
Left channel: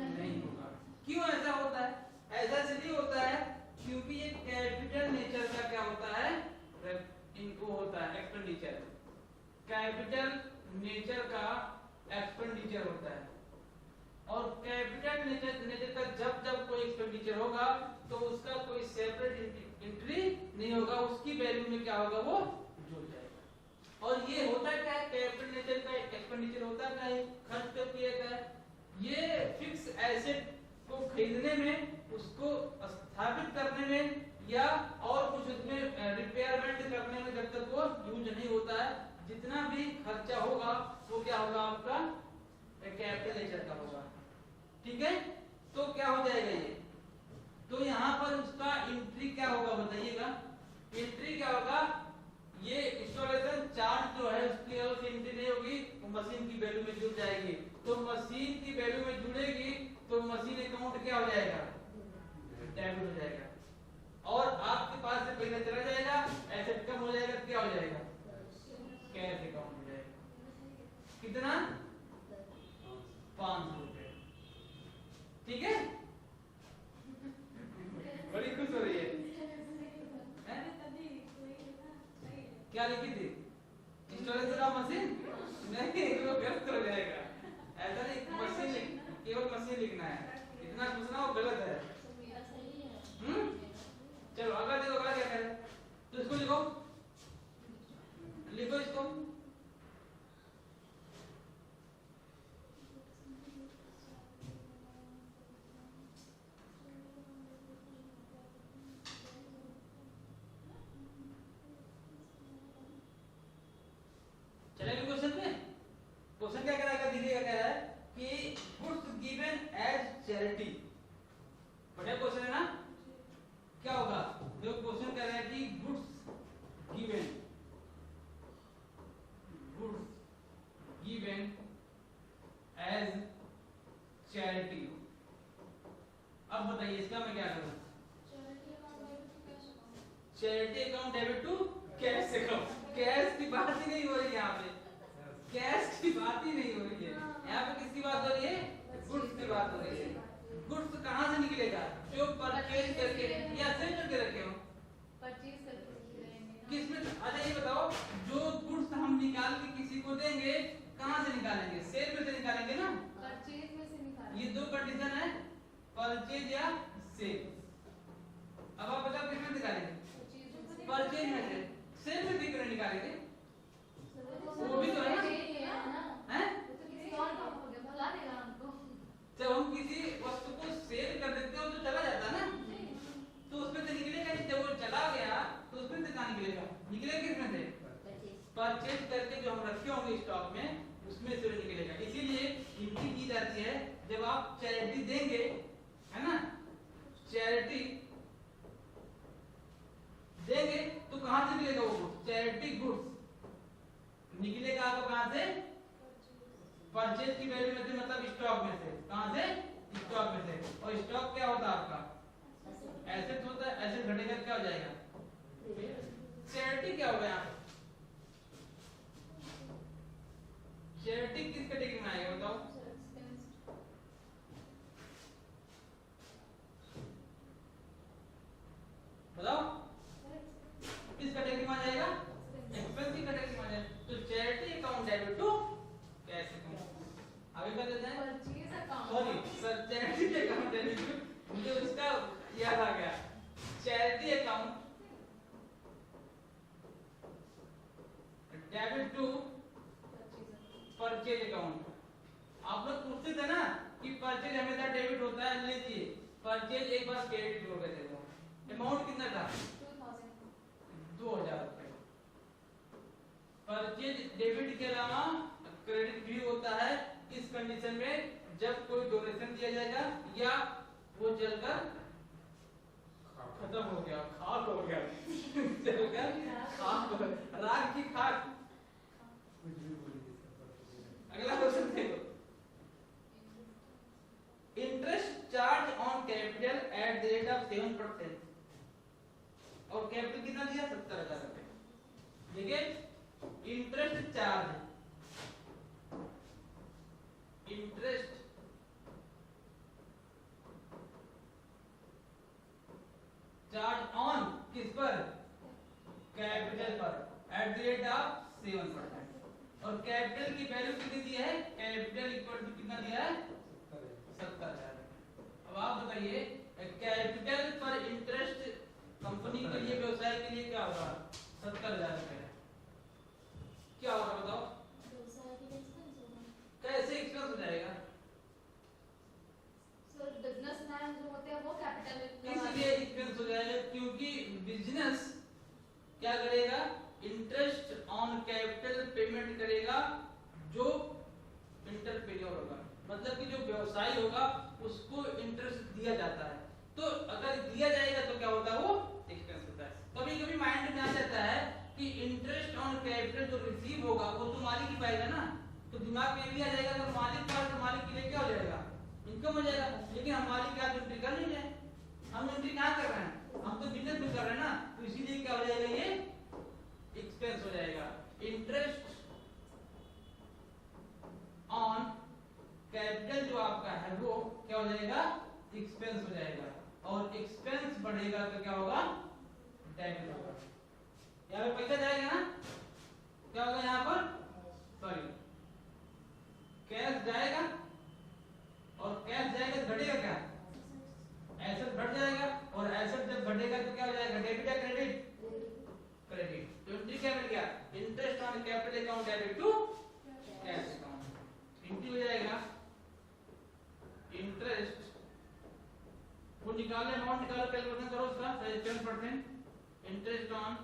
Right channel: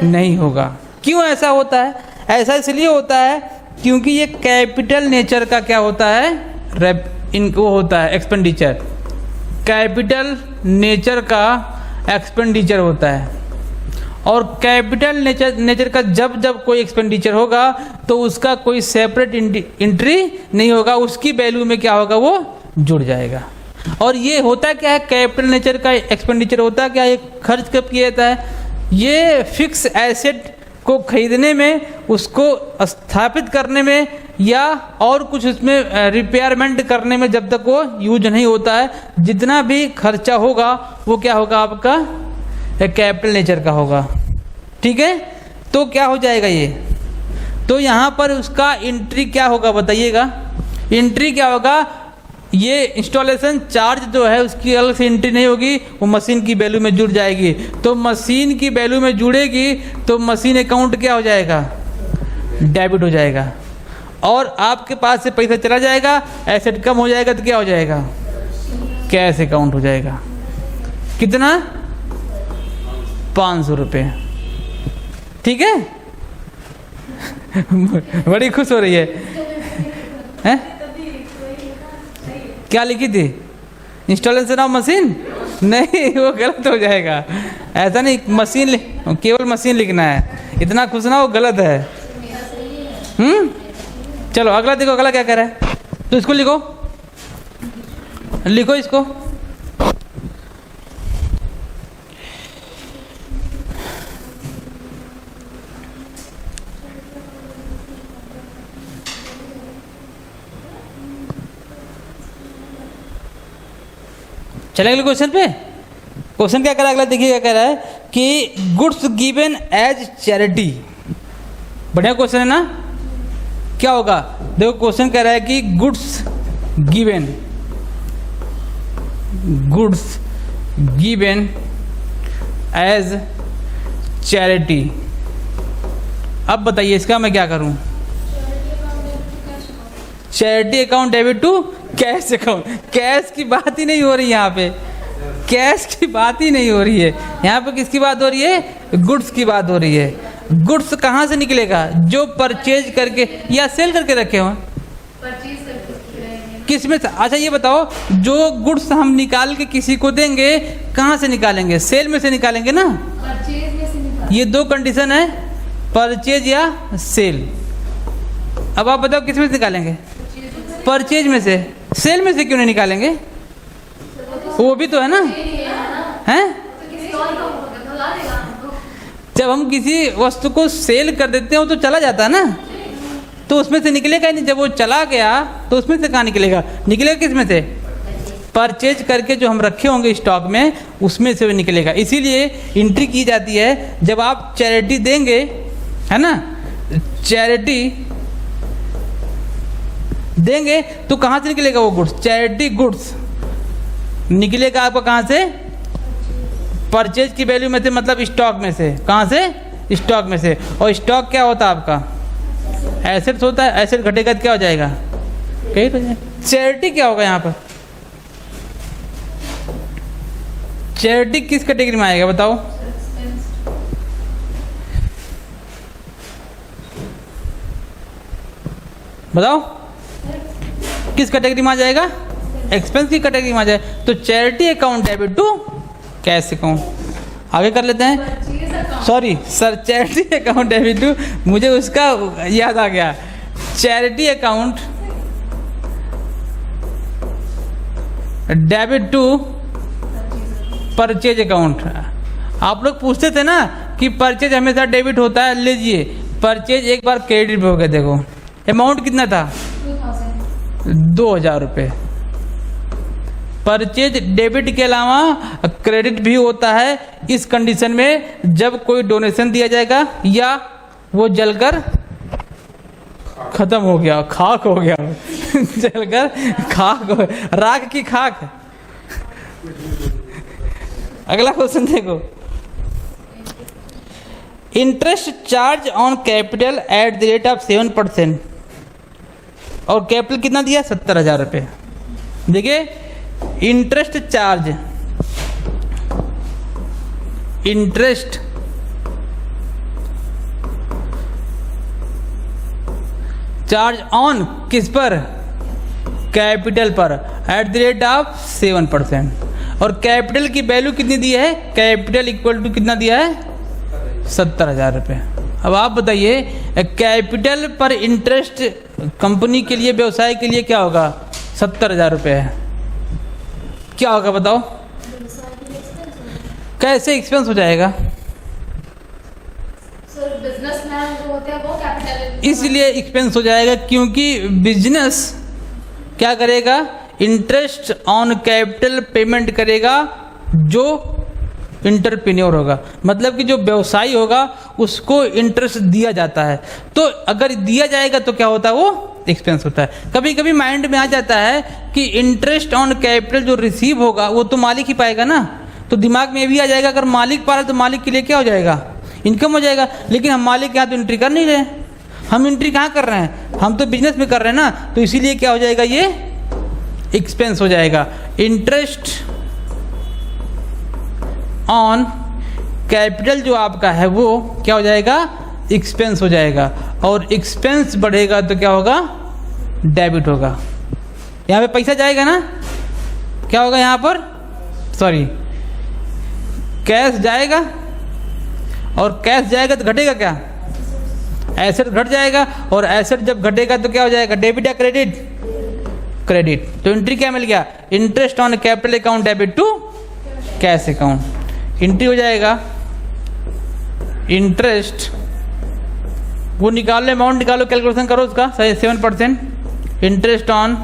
नहीं होगा। क्यों ऐसा होता है? ऐसा इसलिए होता है क्योंकि ये कैपिटल नेचर का क्या होता है? इनको होता है एक्सपेंडिचर। कैपिटल नेचर का एक्सपेंडिचर होता है। और कैपिटल नेचर का जब जब कोई एक्सपेंडिचर होगा तो उसका कोई सेपरेट एंट्री नहीं होगा। उसकी वैल्यू में क्या होगा? वो जुड़ जाएगा। और ये होता क्या है? कैपिटल नेचर का एक्सपेंडिचर होता क्या है? खर्च कब किया जाता है? ये फिक्स एसेट को खरीदने में, उसको स्थापित करने में या और कुछ उसमें रिपेयरमेंट करने में जब तक वो यूज नहीं होता है। जितना भी खर्चा होगा वो क्या होगा? आपका कैपिटल नेचर का होगा। ठीक है, तो क्या हो जाएगा ये? तो यहाँ पर उसका एंट्री क्या होगा बताइएगा? एंट्री क्या होगा? ये इंस्टॉलेशन चार्ज जो है उसकी अलग से एंट्री नहीं होगी, वो मशीन की वैल्यू में जुड़ जाएगी। तो मशीन की वैल्यू में जुड़ेगी तो मशीन अकाउंट क्या हो जाएगा? डेबिट हो जाएगा। और आपके पास से पैसा चला जाएगा, एसेट कम हो जाएगा तो क्या हो जाएगा? कैश अकाउंट हो जाएगा। कितना? 500 रुपये। ठीक है। बड़ी खुश हो रही है? क्या लिखी थी? Installation of machine? नहीं, वो गलत हो जाएगा। ऐसा नहीं, मशीन केवल मशीन लिखना है। इतना खुश ना, वो गलत है। चलो अगला देखो, अगला क्या कह रहा है। तो इसको लिखो, लिखो इसको। चलेगा अगले क्वेश्चन पे। क्वेश्चन क्या कह रहा है अगला, देखिए क्या कह रहा है कि गुड्स गिवन एज चैरिटी। बढ़िया क्वेश्चन है ना? क्या होगा? देखो क्वेश्चन कह रहा है कि गुड्स गिवन एज चैरिटी। अब बताइए इसका मैं क्या करूं? Charity account debit to cash account. Cash की बात ही नहीं हो रही यहाँ पे, कैश की बात ही नहीं हो रही है। यहाँ पे किसकी बात हो रही है? गुड्स की बात हो रही है। गुड्स कहाँ से निकलेगा? जो परचेज करके या सेल करके रखे हो। किस में? अच्छा ये बताओ, जो गुड्स हम निकाल के किसी को देंगे कहाँ से निकालेंगे? सेल में से निकालेंगे ना। परचेज में से निकाल। ये दो कंडीशन है, परचेज या सेल। अब आप बताओ किस में से निकालेंगे? परचेज में से। सेल में से क्यों नहीं निकालेंगे? वो भी तो है ना, हैं? जब हम किसी वस्तु को सेल कर देते हैं वो तो चला जाता है ना, तो उसमें से निकलेगा ही नहीं। जब वो चला गया तो उसमें से कहाँ निकलेगा? निकलेगा किस में से? परचेज करके जो हम रखे होंगे स्टॉक में, उसमें से वो निकलेगा। इसीलिए एंट्री की जाती है जब आप चैरिटी देंगे, है ना, चैरिटी देंगे तो कहाँ से निकलेगा वो गुड्स? चैरिटी गुड्स निकलेगा आपका कहाँ से? परचेज की वैल्यू में से, मतलब स्टॉक में से। कहाँ से? स्टॉक में से। और स्टॉक क्या होता है आपका? एसेट्स होता है। एसेट घटेगा तो क्या हो जाएगा? कहीं तो चैरिटी क्या होगा यहाँ पर? चैरिटी किस कैटेगरी में आएगा बताओ? बताओ किस कैटेगरी में आ जाएगा? एक्सपेंस की कैटेगरी में आ जाए। तो charity account debit to cash account. आगे कर लेते हैं। Sorry sir, charity account debit to, मुझे उसका याद आ गया। Charity account debit to purchase account. आप लोग पूछते थे ना कि परचेज हमेशा डेबिट होता है। लीजिए, परचेज एक बार क्रेडिट हो गया। देखो अमाउंट कितना था? 2000 रुपये। परचेज डेबिट के अलावा क्रेडिट भी होता है इस कंडीशन में जब कोई डोनेशन दिया जाएगा या वो जलकर खत्म हो गया, खाक हो गया जलकर खाक हो, राख की खाक। अगला क्वेश्चन देखो। Interest charge on capital at the rate of 7%। और कैपिटल कितना दिया? 70,000 रुपये। देखिए, interest charge, interest charge on किस पर? कैपिटल पर एट द रेट ऑफ 7%। और कैपिटल की वैल्यू कितनी दी है? कैपिटल इक्वल टू कितना दिया है? 70,000 रुपये। अब आप बताइए, कैपिटल पर इंटरेस्ट कंपनी के लिए, व्यवसाय के लिए क्या होगा? 70,000 रुपये है। क्या होगा बताओ? कैसे एक्सपेंस हो जाएगा? सर बिजनेसमैन जो होते हैं वो कैपिटल, इसलिए एक्सपेंस हो जाएगा क्योंकि बिजनेस क्या करेगा? इंटरेस्ट ऑन कैपिटल पेमेंट करेगा जो इंटरप्रेन्योर होगा, मतलब कि जो व्यवसायी होगा उसको इंटरेस्ट दिया जाता है। तो अगर दिया जाएगा तो क्या होता है? वो एक्सपेंस होता है। कभी कभी माइंड में आ जाता है कि इंटरेस्ट ऑन कैपिटल जो रिसीव होगा वो तो मालिक ही पाएगा ना, तो दिमाग में ये भी आ जाएगा अगर मालिक पा रहा है तो मालिक के लिए क्या हो जाएगा? इनकम हो जाएगा। लेकिन हम मालिक के यहाँ तो एंट्री कर नहीं रहे, हम एंट्री कहाँ कर रहे हैं? हम तो बिजनेस में कर रहे हैं ना, तो इसीलिए क्या हो जाएगा? ये एक्सपेंस हो जाएगा। इंटरेस्ट ऑन कैपिटल जो आपका है वो क्या हो जाएगा? एक्सपेंस हो जाएगा। और एक्सपेंस बढ़ेगा तो क्या होगा? डेबिट होगा। यहाँ पे पैसा जाएगा ना, क्या होगा यहाँ पर? सॉरी, कैश जाएगा, और कैश जाएगा तो घटेगा क्या? एसेट घट जाएगा, और एसेट जब घटेगा तो क्या हो जाएगा? डेबिट या क्रेडिट? क्रेडिट। तो एंट्री क्या मिल गया? Interest on capital account debit to cash account. Entry हो जाएगा इंटरेस्ट, वो निकाल लो, अमाउंट निकालो, कैलकुलेशन करो उसका, 7%। Interest on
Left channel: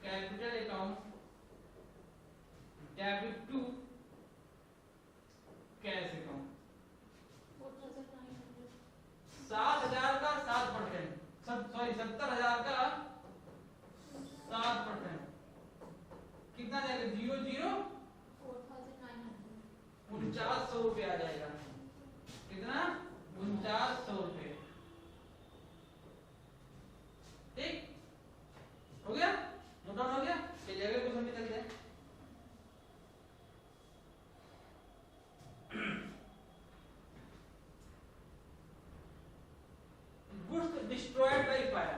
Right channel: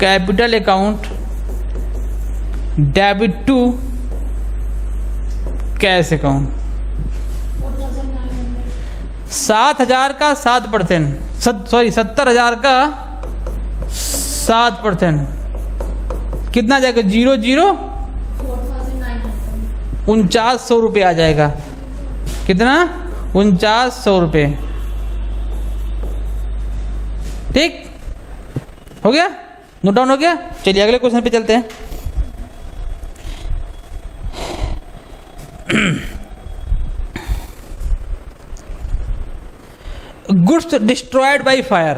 capital account debit to cash account. 7,000 का 7%, सॉरी 70,000 का 7%, कितना जाएगा? 0 4900 रुपये आ जाएगा। कितना? 4900 रुपये। ठीक हो गया? नोट डाउन हो गया? चलिए अगले क्वेश्चन पे चलते हैं। Goods destroyed by fire.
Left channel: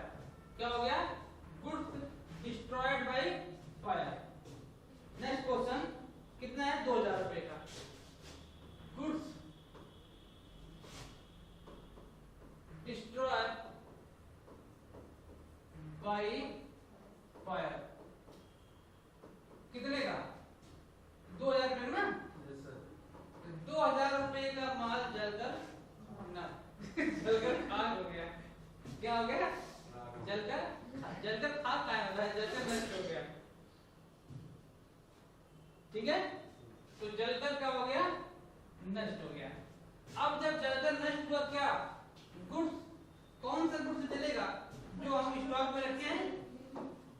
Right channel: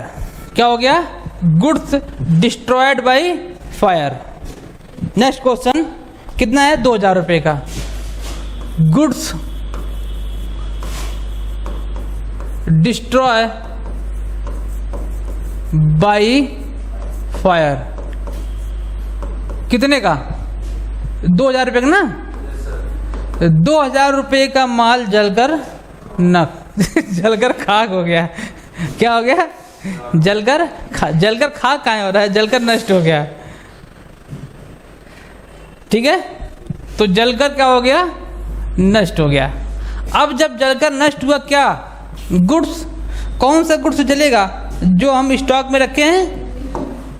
क्या हो गया? Goods destroyed by fire. Next question कितना है? 2000 रुपये का। Goods destroy by fire. कितने का? 2000 रुपये का ना? 2000 रुपये का माल जलकर जलकर खाक हो गया। क्या हो गया? जलकर खाक कहाँ हो रहा है? जलकर नष्ट हो गया। ठीक है, तो जलकर क्या हो गया? नष्ट हो गया। अब जब जलकर नष्ट हुआ, क्या गुड्स, कौन सा गुड्स जलेगा? जो हम स्टॉक में रखे हैं,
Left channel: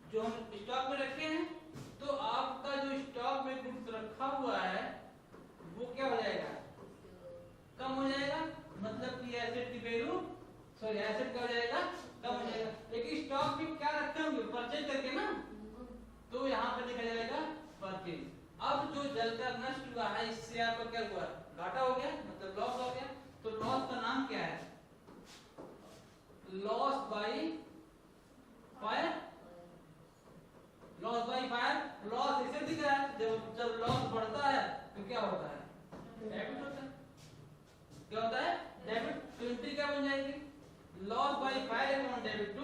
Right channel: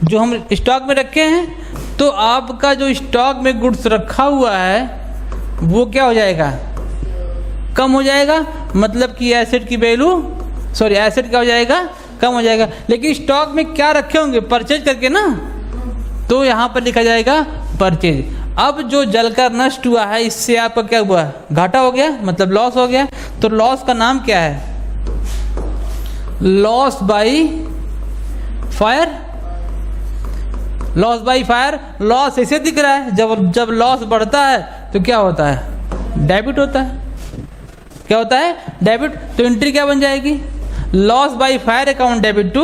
जो हम स्टॉक में रखे हैं। तो आपका जो स्टॉक में गुड्स रखा हुआ है वो क्या हो जाएगा? कम हो जाएगा। मतलब कि एसेट की वैल्यू, सॉरी एसेट क्या हो जाएगा? कम हो जाएगा। लेकिन स्टॉक में क्या रखे होंगे? परचेज करके ना, तो यहाँ पर लिखा जाएगा परचेज। अब जो जलकर नष्ट हुआ है इससे आपका क्या हुआ? घाटा हो गया, मतलब लॉस हो गया। तो लॉस का नाम क्या है? Loss by fire. Loss by fire. Loss ऐसे दिख रहा है, जब लॉस बढ़ता है तो क्या होता है? डेबिट होता है। क्या होता है? डेबिट। तो एंट्री क्या बन जाएगी? Loss by fire account debit to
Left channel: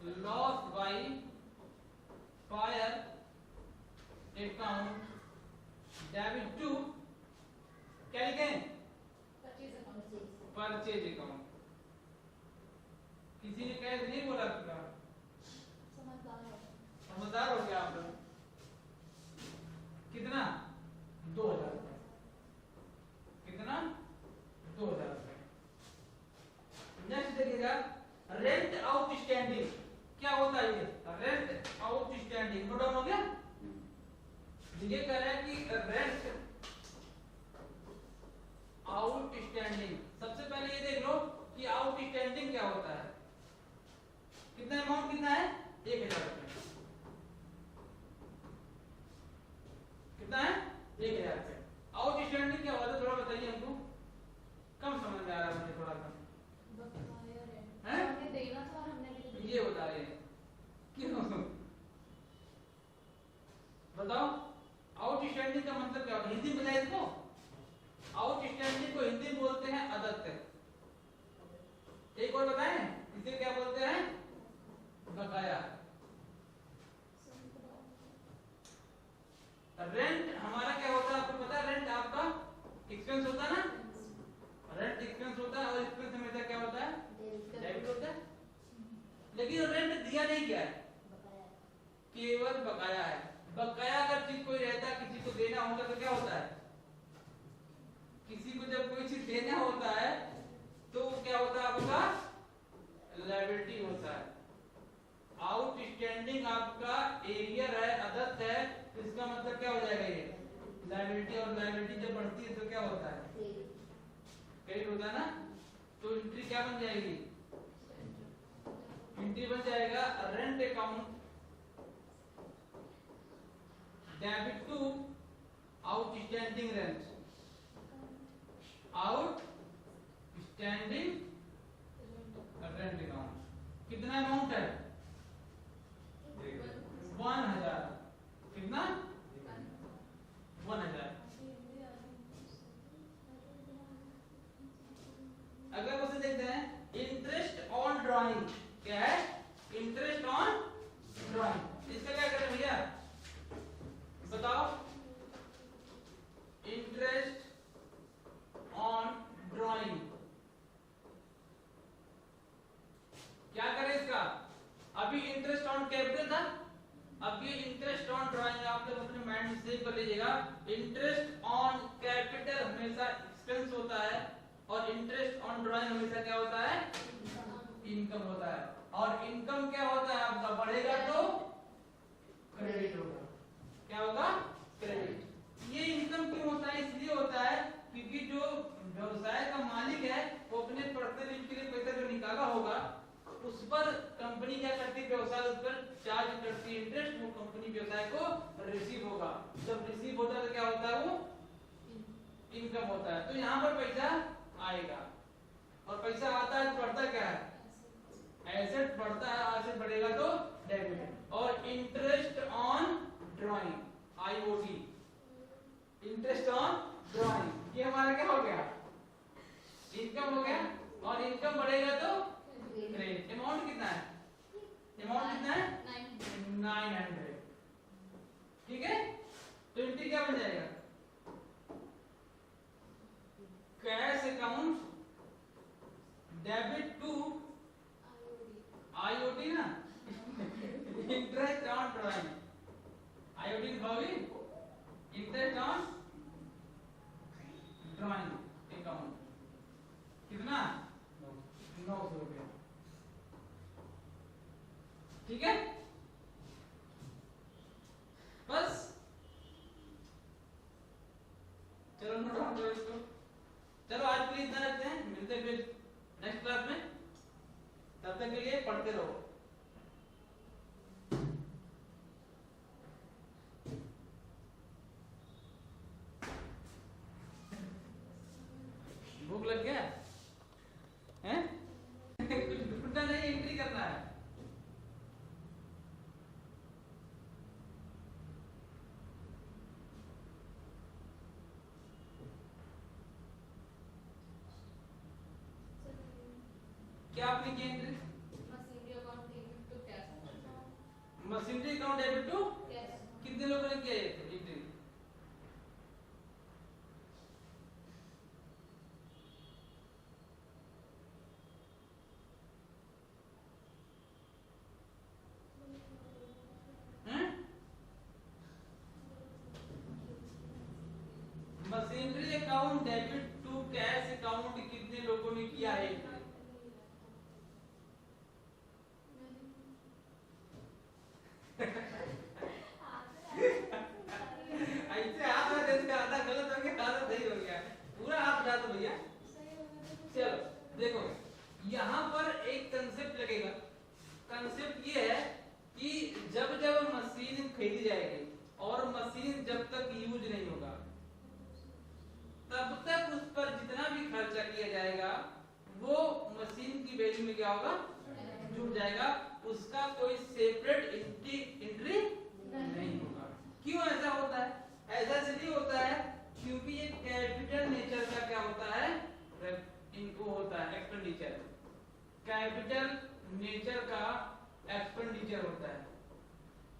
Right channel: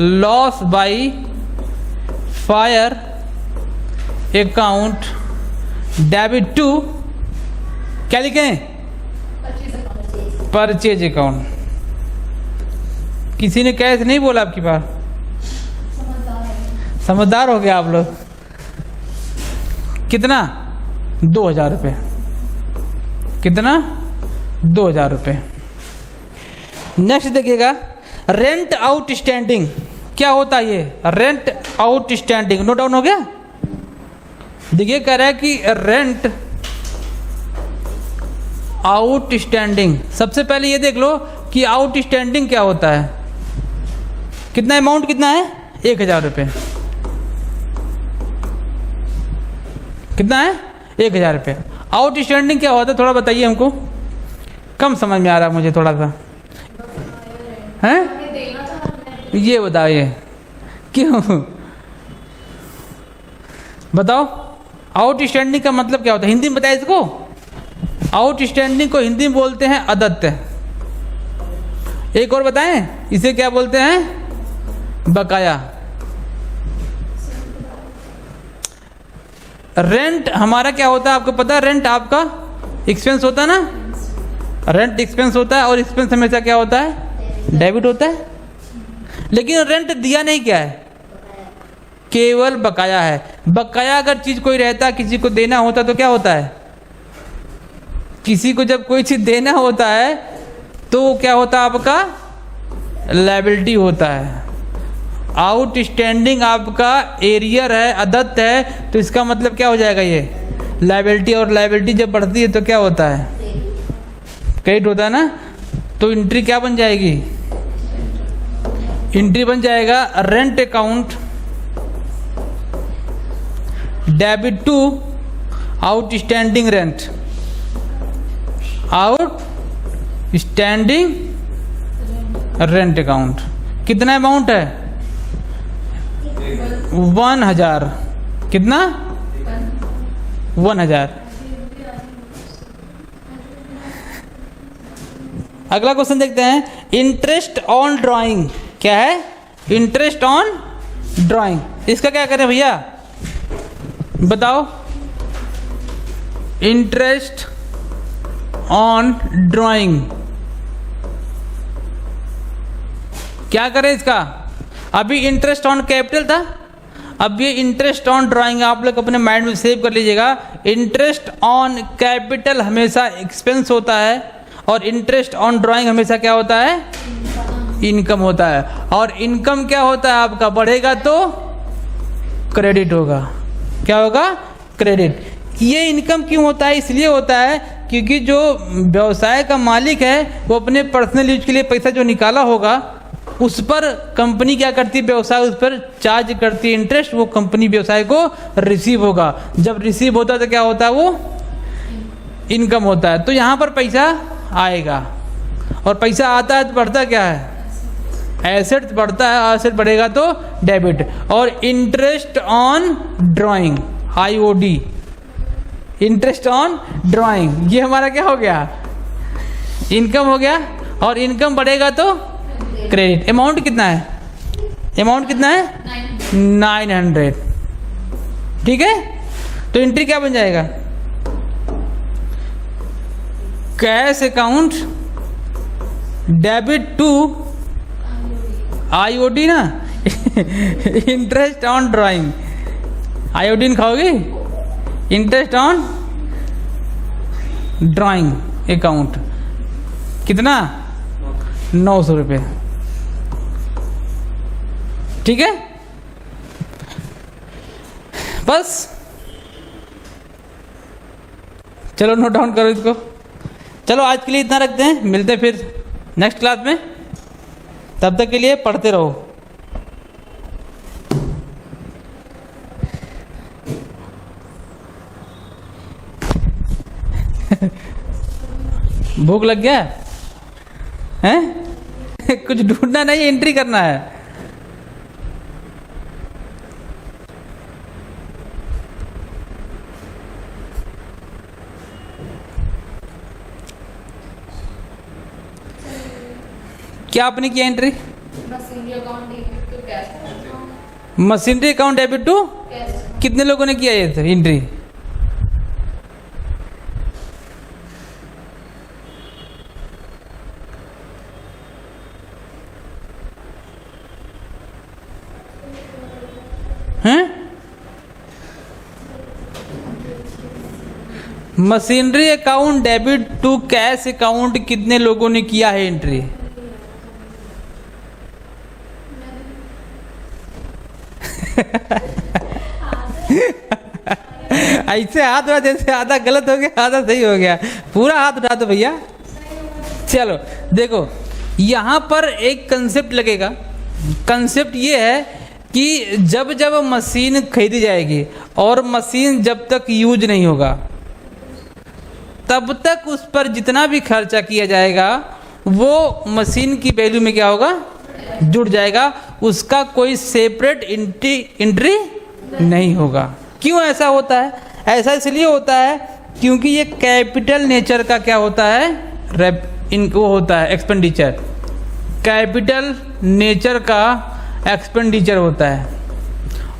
loss by fire account debit to क्या लिखें? Purchase account. किसी ने कैश नहीं बोला आपकी बात? समझदार हो गया आप लोग। कितना? 2000 रुपये। कितना? 2000 रुपये। नेक्स्ट देखिएगा, रेंट आउटस्टैंडिंग। क्या होता है ये? Rent outstanding. नोट डाउन हो गया? देखिए कह रहा है कि रेंट आउटस्टैंडिंग। सबसे पहले ये देख लो कि आउटस्टैंडिंग क्या होता है। कितना अमाउंट कितना है? 1000 रुपये। कितना है? 1000 रुपये। आउटस्टैंडिंग क्या होता है थोड़ा बताइए हमको, कम समझ में आ रहा है मुझे थोड़ा सा। हैं? ये बताइए क्यों? बताओ आउटस्टैंडिंग का मतलब क्या होता है? हिंदी में बताइए इसको। आउटस्टैंडिंग को हिंदी में बोलते हैं अदत्त। एक और बताएं, इसे क्या बोलते हैं? बकाया। रेंट हमारा क्या होता है आपको पता है? रेंट आपका एक्सपेंस होता है ना? रेंट एक्सपेंस होता है और एक्सपेंस हमेशा क्या होता है? डेबिट होता है। लेकिन रेंट दिया नहीं क्या है? केवल बकाया है। बकाया अगर चीज कोई रहता, किसी को देना होता तो क्या होता है? किसी को जब कोई चीज देना होता है तो क्या होता है? आपका लायबिलिटी होता है। आउटस्टैंडिंग आपका एरियर है, अदत्त है, तो इसका मतलब क्या हो जाएगा? ये लायबिलिटी। और लायबिलिटी जब बढ़ती है तो क्या होता है? क्रेडिट होता है ना। तो एंट्री क्या बन जाएगी? एंट्री बन जाएगा rent account debit to outstanding rent. Outstanding rent account. कितना अमाउंट है? 1000। कितना? 1000। अगला क्वेश्चन देखते हैं, इंटरेस्ट ऑन ड्राइंग। क्या है? Interest on drawing. इसका क्या करें भैया बताओ? इंटरेस्ट ऑन ड्राइंग क्या करें इसका? अभी इंटरेस्ट ऑन कैपिटल था, अब ये इंटरेस्ट ऑन ड्राइंग। आप लोग अपने माइंड में सेव कर लीजिएगा। इंटरेस्ट ऑन कैपिटल हमेशा एक्सपेंस होता है और इंटरेस्ट ऑन ड्राइंग हमेशा क्या होता है? इनकम होता है। और इनकम क्या होता है आपका? बढ़ेगा तो क्रेडिट होगा। क्या होगा? क्रेडिट। ये इनकम क्यों होता है? इसलिए होता है क्योंकि जो व्यवसाय का मालिक है वो अपने पर्सनल यूज के लिए पैसा जो निकाला होगा उस पर कंपनी क्या करती है? व्यवसाय उस पर चार्ज करती है इंटरेस्ट। वो कंपनी व्यवसाय को रिसीव होगा। जब रिसीव होता है तो क्या होता है? वो इनकम होता है। तो यहाँ पर पैसा आएगा और पैसा आता है तो बढ़ता क्या है? एसेट बढ़ता है। एसेट बढ़ेगा तो डेबिट। और interest on drawing IOD, interest on drawing, ये हमारा क्या हो गया? इनकम हो गया। और इनकम बढ़ेगा तो क्रेडिट। अमाउंट कितना है? अमाउंट कितना है? 900। ठीक है, तो एंट्री क्या बन जाएगा? Cash account debit to IOD ना इंटरेस्ट ऑन ड्राइंग। आयोडीन खाओगे? इंटरेस्ट ऑन ड्राइंग अकाउंट कितना? 900 रुपये। ठीक है, बस चलो नोट डाउन करो इसको। चलो आज के लिए इतना रखते हैं, मिलते हैं फिर नेक्स्ट क्लास में। तब तक के लिए पढ़ते रहो। भूख लग गया है? कुछ ढूंढना नहीं, एंट्री करना है। क्या आपने किया entry? Machinery account debit to cash account. Machinery account debit to कितने लोगों ने किया ये एंट्री? हैं? Machinery account debit to cash account कितने लोगों ने किया है एंट्री? ऐसे हाथ उठा, जैसे आधा गलत हो गया आधा सही हो गया। पूरा हाथ उठा दो भैया। चलो देखो, यहां पर एक कंसेप्ट लगेगा। कंसेप्ट ये है कि जब जब मशीन खरीदी जाएगी और मशीन जब तक यूज नहीं होगा तब तक उस पर जितना भी खर्चा किया जाएगा वो मशीन की वैल्यू में क्या होगा? जुड़ जाएगा। उसका कोई सेपरेट एंट्री नहीं होगा। क्यों ऐसा होता है? ऐसा इसलिए होता है क्योंकि ये कैपिटल नेचर का क्या होता है? इनको होता है एक्सपेंडिचर। कैपिटल नेचर का एक्सपेंडिचर होता है,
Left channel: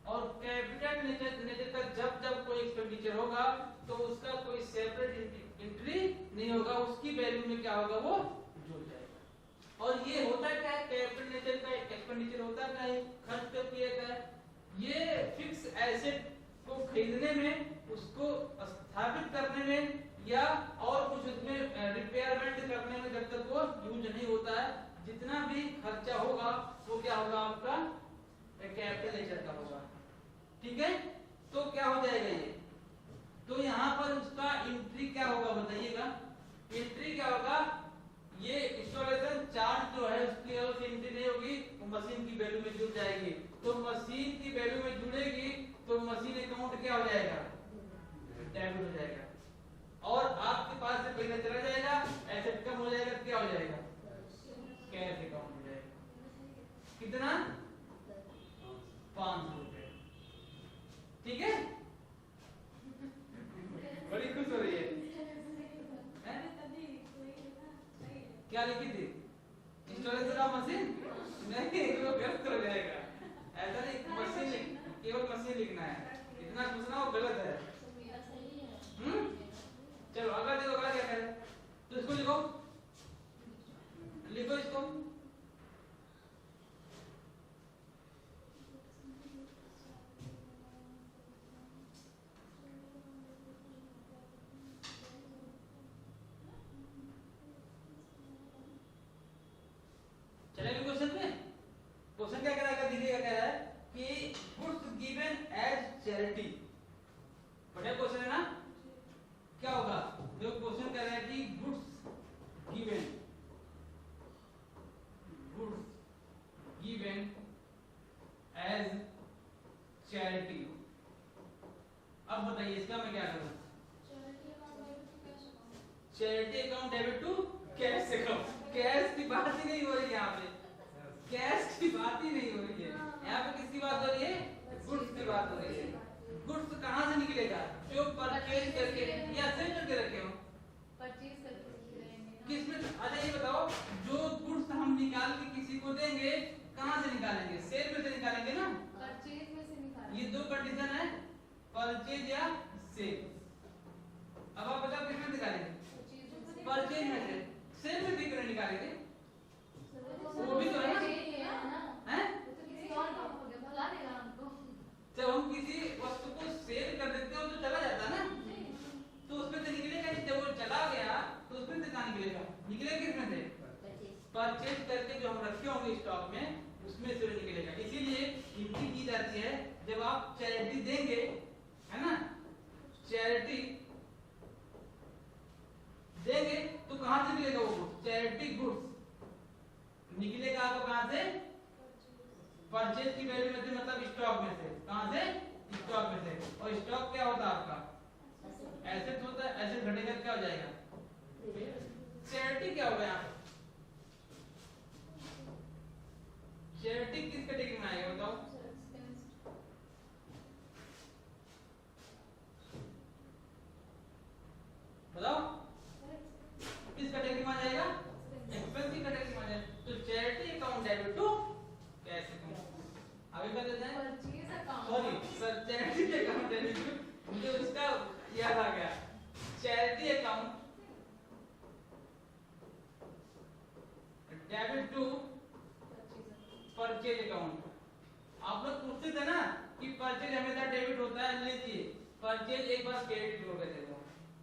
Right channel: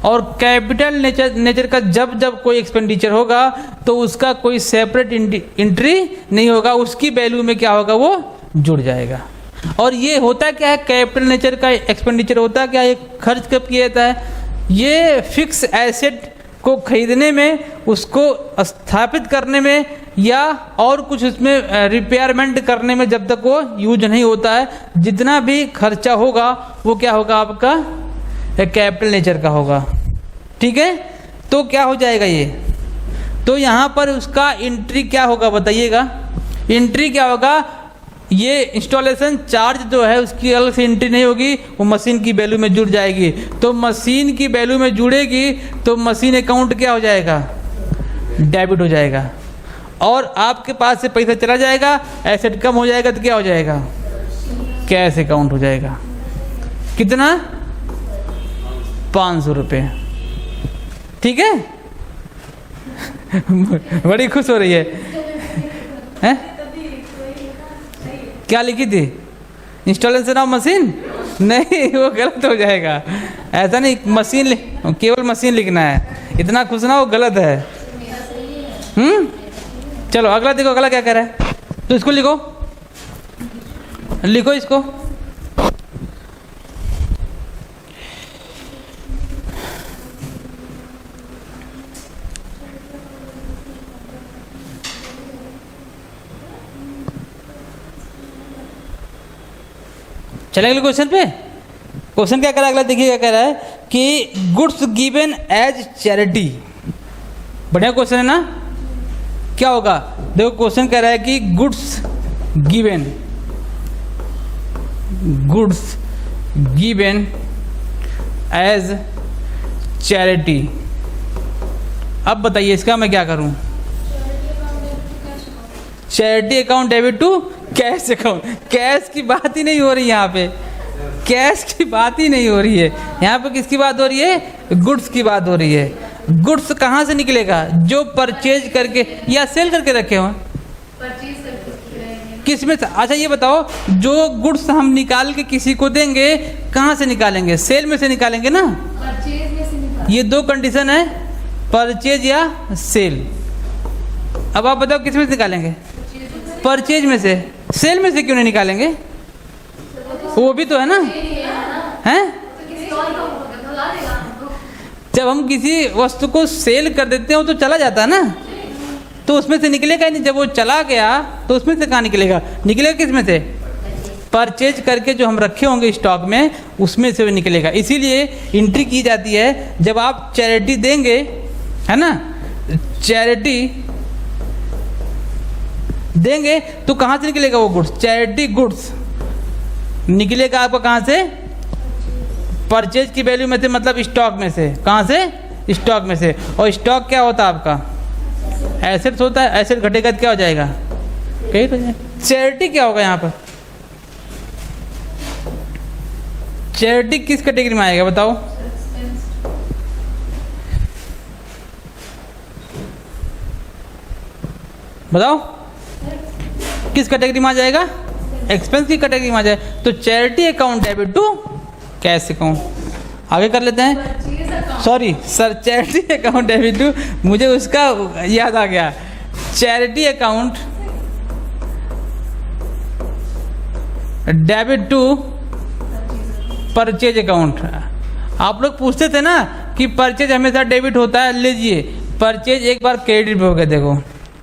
और कैपिटल नेचर का जब जब कोई एक्सपेंडिचर होगा तो उसका कोई सेपरेट एंट्री नहीं होगा। उसकी वैल्यू में क्या होगा? वो जुड़ जाएगा। और ये होता क्या है? कैपिटल नेचर का एक्सपेंडिचर होता क्या? ये खर्च कब किया जाता है? ये फिक्स एसेट को खरीदने में, उसको स्थापित करने में, या और कुछ उसमें रिपेयरमेंट करने में जब तक वो यूज नहीं होता है। जितना भी खर्चा होगा वो क्या होगा? आपका कैपिटल नेचर का होगा। ठीक है, तो क्या हो जाएगा ये? तो यहाँ पर उसका एंट्री क्या होगा बताइएगा? एंट्री क्या होगा? ये इंस्टॉलेशन चार्ज जो है उसकी अलग से एंट्री नहीं होगी, वो मशीन की वैल्यू में जुड़ जाएगी। तो मशीन की वैल्यू में जुड़ेगी तो मशीन अकाउंट क्या हो जाएगा? डेबिट हो जाएगा। और आपके पास से पैसा चला जाएगा, एसेट कम हो जाएगा तो क्या हो जाएगा? कैश अकाउंट हो जाएगा। कितना? 500 रुपये। ठीक है बड़ी खुश हो रही है? क्या लिखी थी? Installation of machine? नहीं, वो गलत हो जाएगा। ऐसा नहीं, मशीन केवल मशीन लिखना है। इतना खुश ना, वो गलत है। चलो अगला देखो, अगला क्या कह रहा है? तो इसको लिखो, लिखो इसको। चले अगले क्वेश्चन पे। क्वेश्चन क्या कह रहा है अगला? देखिए क्या कह रहा है कि गुड्स गिवन एज चैरिटी। बढ़िया क्वेश्चन है ना? क्या होगा? देखो क्वेश्चन कह रहा है कि गुड्स गिवन एज चैरिटी। अब बताइए इसका मैं क्या करूं? Charity account debit to cash account. Cash की बात ही नहीं हो रही यहाँ पे, कैश की बात ही नहीं हो रही है। यहाँ पे किसकी बात हो रही है? गुड्स की बात हो रही है। गुड्स कहाँ से निकलेगा? जो परचेज करके या सेल करके रखे हो। परचेज करके किस में से? अच्छा ये बताओ, जो गुड्स हम निकाल के किसी को देंगे, कहाँ से निकालेंगे? सेल में से निकालेंगे ना। परचेज में से निकाल। ये दो कंडीशन है, परचेज या सेल। अब आप बताओ किस में से निकालेंगे? परचेज में से। सेल में से क्यों नहीं निकालेंगे? वो भी तो है ना, हैं? जब हम किसी वस्तु को सेल कर देते हैं वो तो चला जाता है ना, तो उसमें से निकलेगा ही नहीं। जब वो चला गया तो उसमें से कहाँ निकलेगा? निकलेगा किस में से? परचेज करके जो हम रखे होंगे स्टॉक में, उसमें से वो निकलेगा। इसीलिए एंट्री की जाती है जब आप चैरिटी देंगे, है ना, चैरिटी देंगे तो कहाँ से निकलेगा वो गुड्स? चैरिटी गुड्स निकलेगा आपका कहाँ से? परचेज की वैल्यू में से, मतलब स्टॉक में से। कहाँ से? स्टॉक में से। और स्टॉक क्या होता है आपका? एसेट्स होता है। एसेट घटेगा तो क्या हो जाएगा? कहीं तो चैरिटी क्या होगा यहाँ पर? चैरिटी किस कैटेगरी में आएगा बताओ? बताओ किस कैटेगरी में आ जाएगा? एक्सपेंस की कैटेगरी में आ जाए तो charity account debit to cash account. आगे कर लेते हैं। Sorry sir, charity account debit to, मुझे उसका याद आ गया। Charity account debit to purchase account. आप लोग पूछते थे ना कि परचेज हमेशा डेबिट होता है। लीजिए, परचेज एक बार क्रेडिट पे हो गया। देखो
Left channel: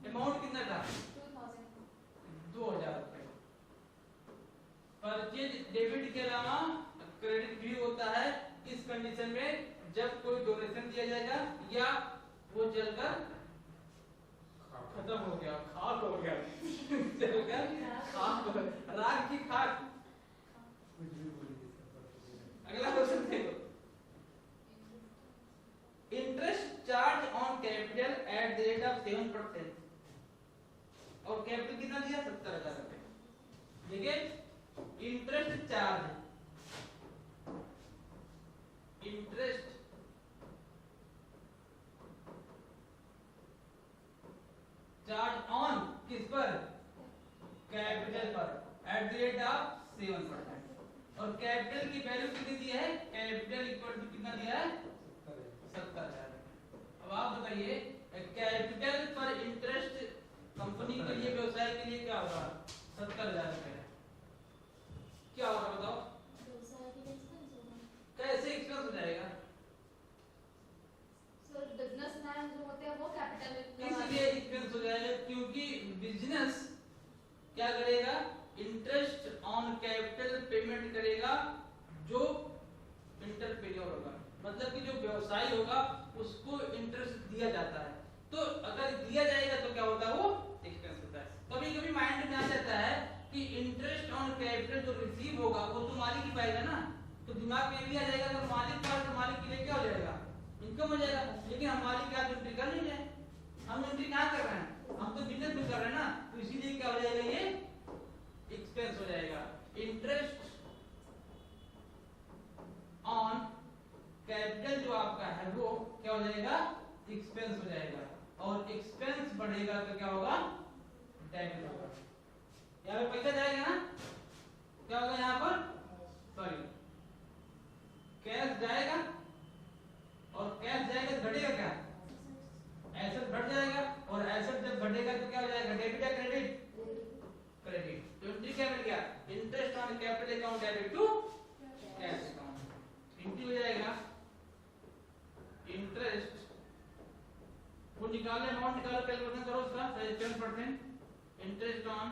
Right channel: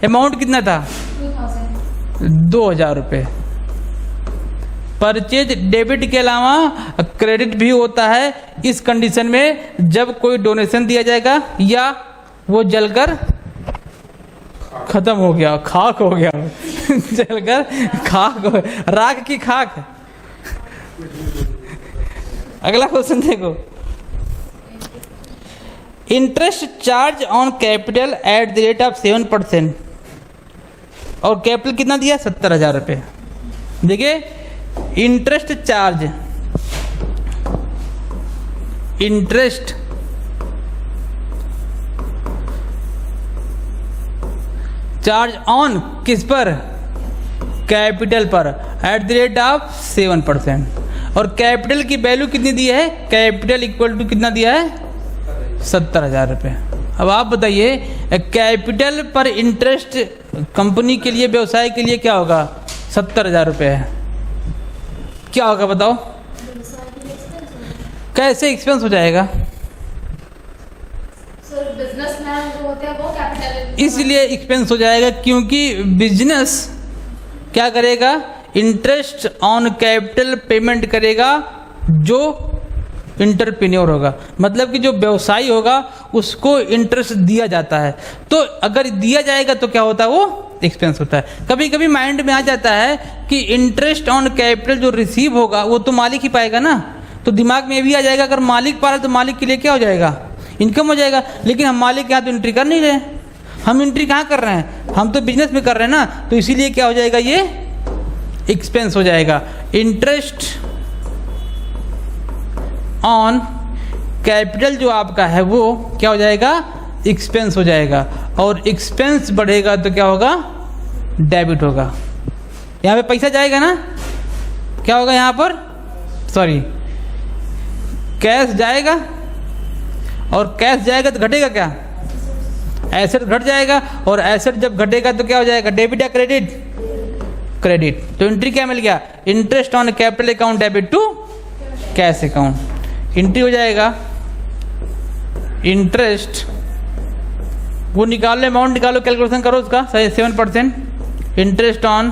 अमाउंट कितना था? 2000 रुपये। परचेज डेबिट के अलावा क्रेडिट भी होता है इस कंडीशन में जब कोई डोनेशन दिया जाएगा या वो जलकर खत्म हो गया, खाक हो गया जलकर खाक हो, राख की खाक। अगला क्वेश्चन देखो, interest charge on capital at the rate of 7%। और कैपिटल कितना दिया? 70,000 रुपये। देखिए interest charge, interest charge on किस पर? कैपिटल पर एट द रेट ऑफ 7%। और कैपिटल की वैल्यू कितनी दी है? कैपिटल इक्वल टू कितना दिया है? 70,000 रुपये। अब आप बताइए कैपिटल पर इंटरेस्ट कंपनी के लिए, व्यवसाय के लिए क्या होगा? 70,000 रुपये है। क्या होगा बताओ? कैसे एक्सपेंस हो जाएगा? सर बिजनेसमैन जो होते हैं वो कैपिटल, इसलिए एक्सपेंस हो जाएगा क्योंकि बिजनेस क्या करेगा? इंटरेस्ट ऑन कैपिटल पेमेंट करेगा जो इंटरप्रेन्योर होगा, मतलब कि जो व्यवसायी होगा उसको इंटरेस्ट दिया जाता है। तो अगर दिया जाएगा तो क्या होता है? वो एक्सपेंस होता है। कभी कभी माइंड में आ जाता है कि इंटरेस्ट ऑन कैपिटल जो रिसीव होगा वो तो मालिक ही पाएगा ना, तो दिमाग में ये भी आ जाएगा अगर मालिक पा रहा है तो मालिक के लिए क्या हो जाएगा? इनकम हो जाएगा। लेकिन हम मालिक के यहाँ तो एंट्री कर नहीं रहे, हम एंट्री कहाँ कर रहे हैं? हम तो बिजनेस में कर रहे हैं ना, तो इसीलिए क्या हो जाएगा? ये एक्सपेंस हो जाएगा। इंटरेस्ट ऑन कैपिटल जो आपका है वो क्या हो जाएगा? एक्सपेंस हो जाएगा। और एक्सपेंस बढ़ेगा तो क्या होगा? डेबिट होगा। यहाँ पे पैसा जाएगा ना, क्या होगा यहाँ पर? सॉरी, कैश जाएगा। और कैश जाएगा तो घटेगा क्या? एसेट घट जाएगा। और एसेट जब घटेगा तो क्या हो जाएगा? डेबिट या क्रेडिट? क्रेडिट। तो एंट्री क्या मिल गया? Interest on capital account debit to cash account. Entry हो जाएगा इंटरेस्ट, वो निकालो, अमाउंट निकालो, कैलकुलेशन करो उसका, 7%। Interest on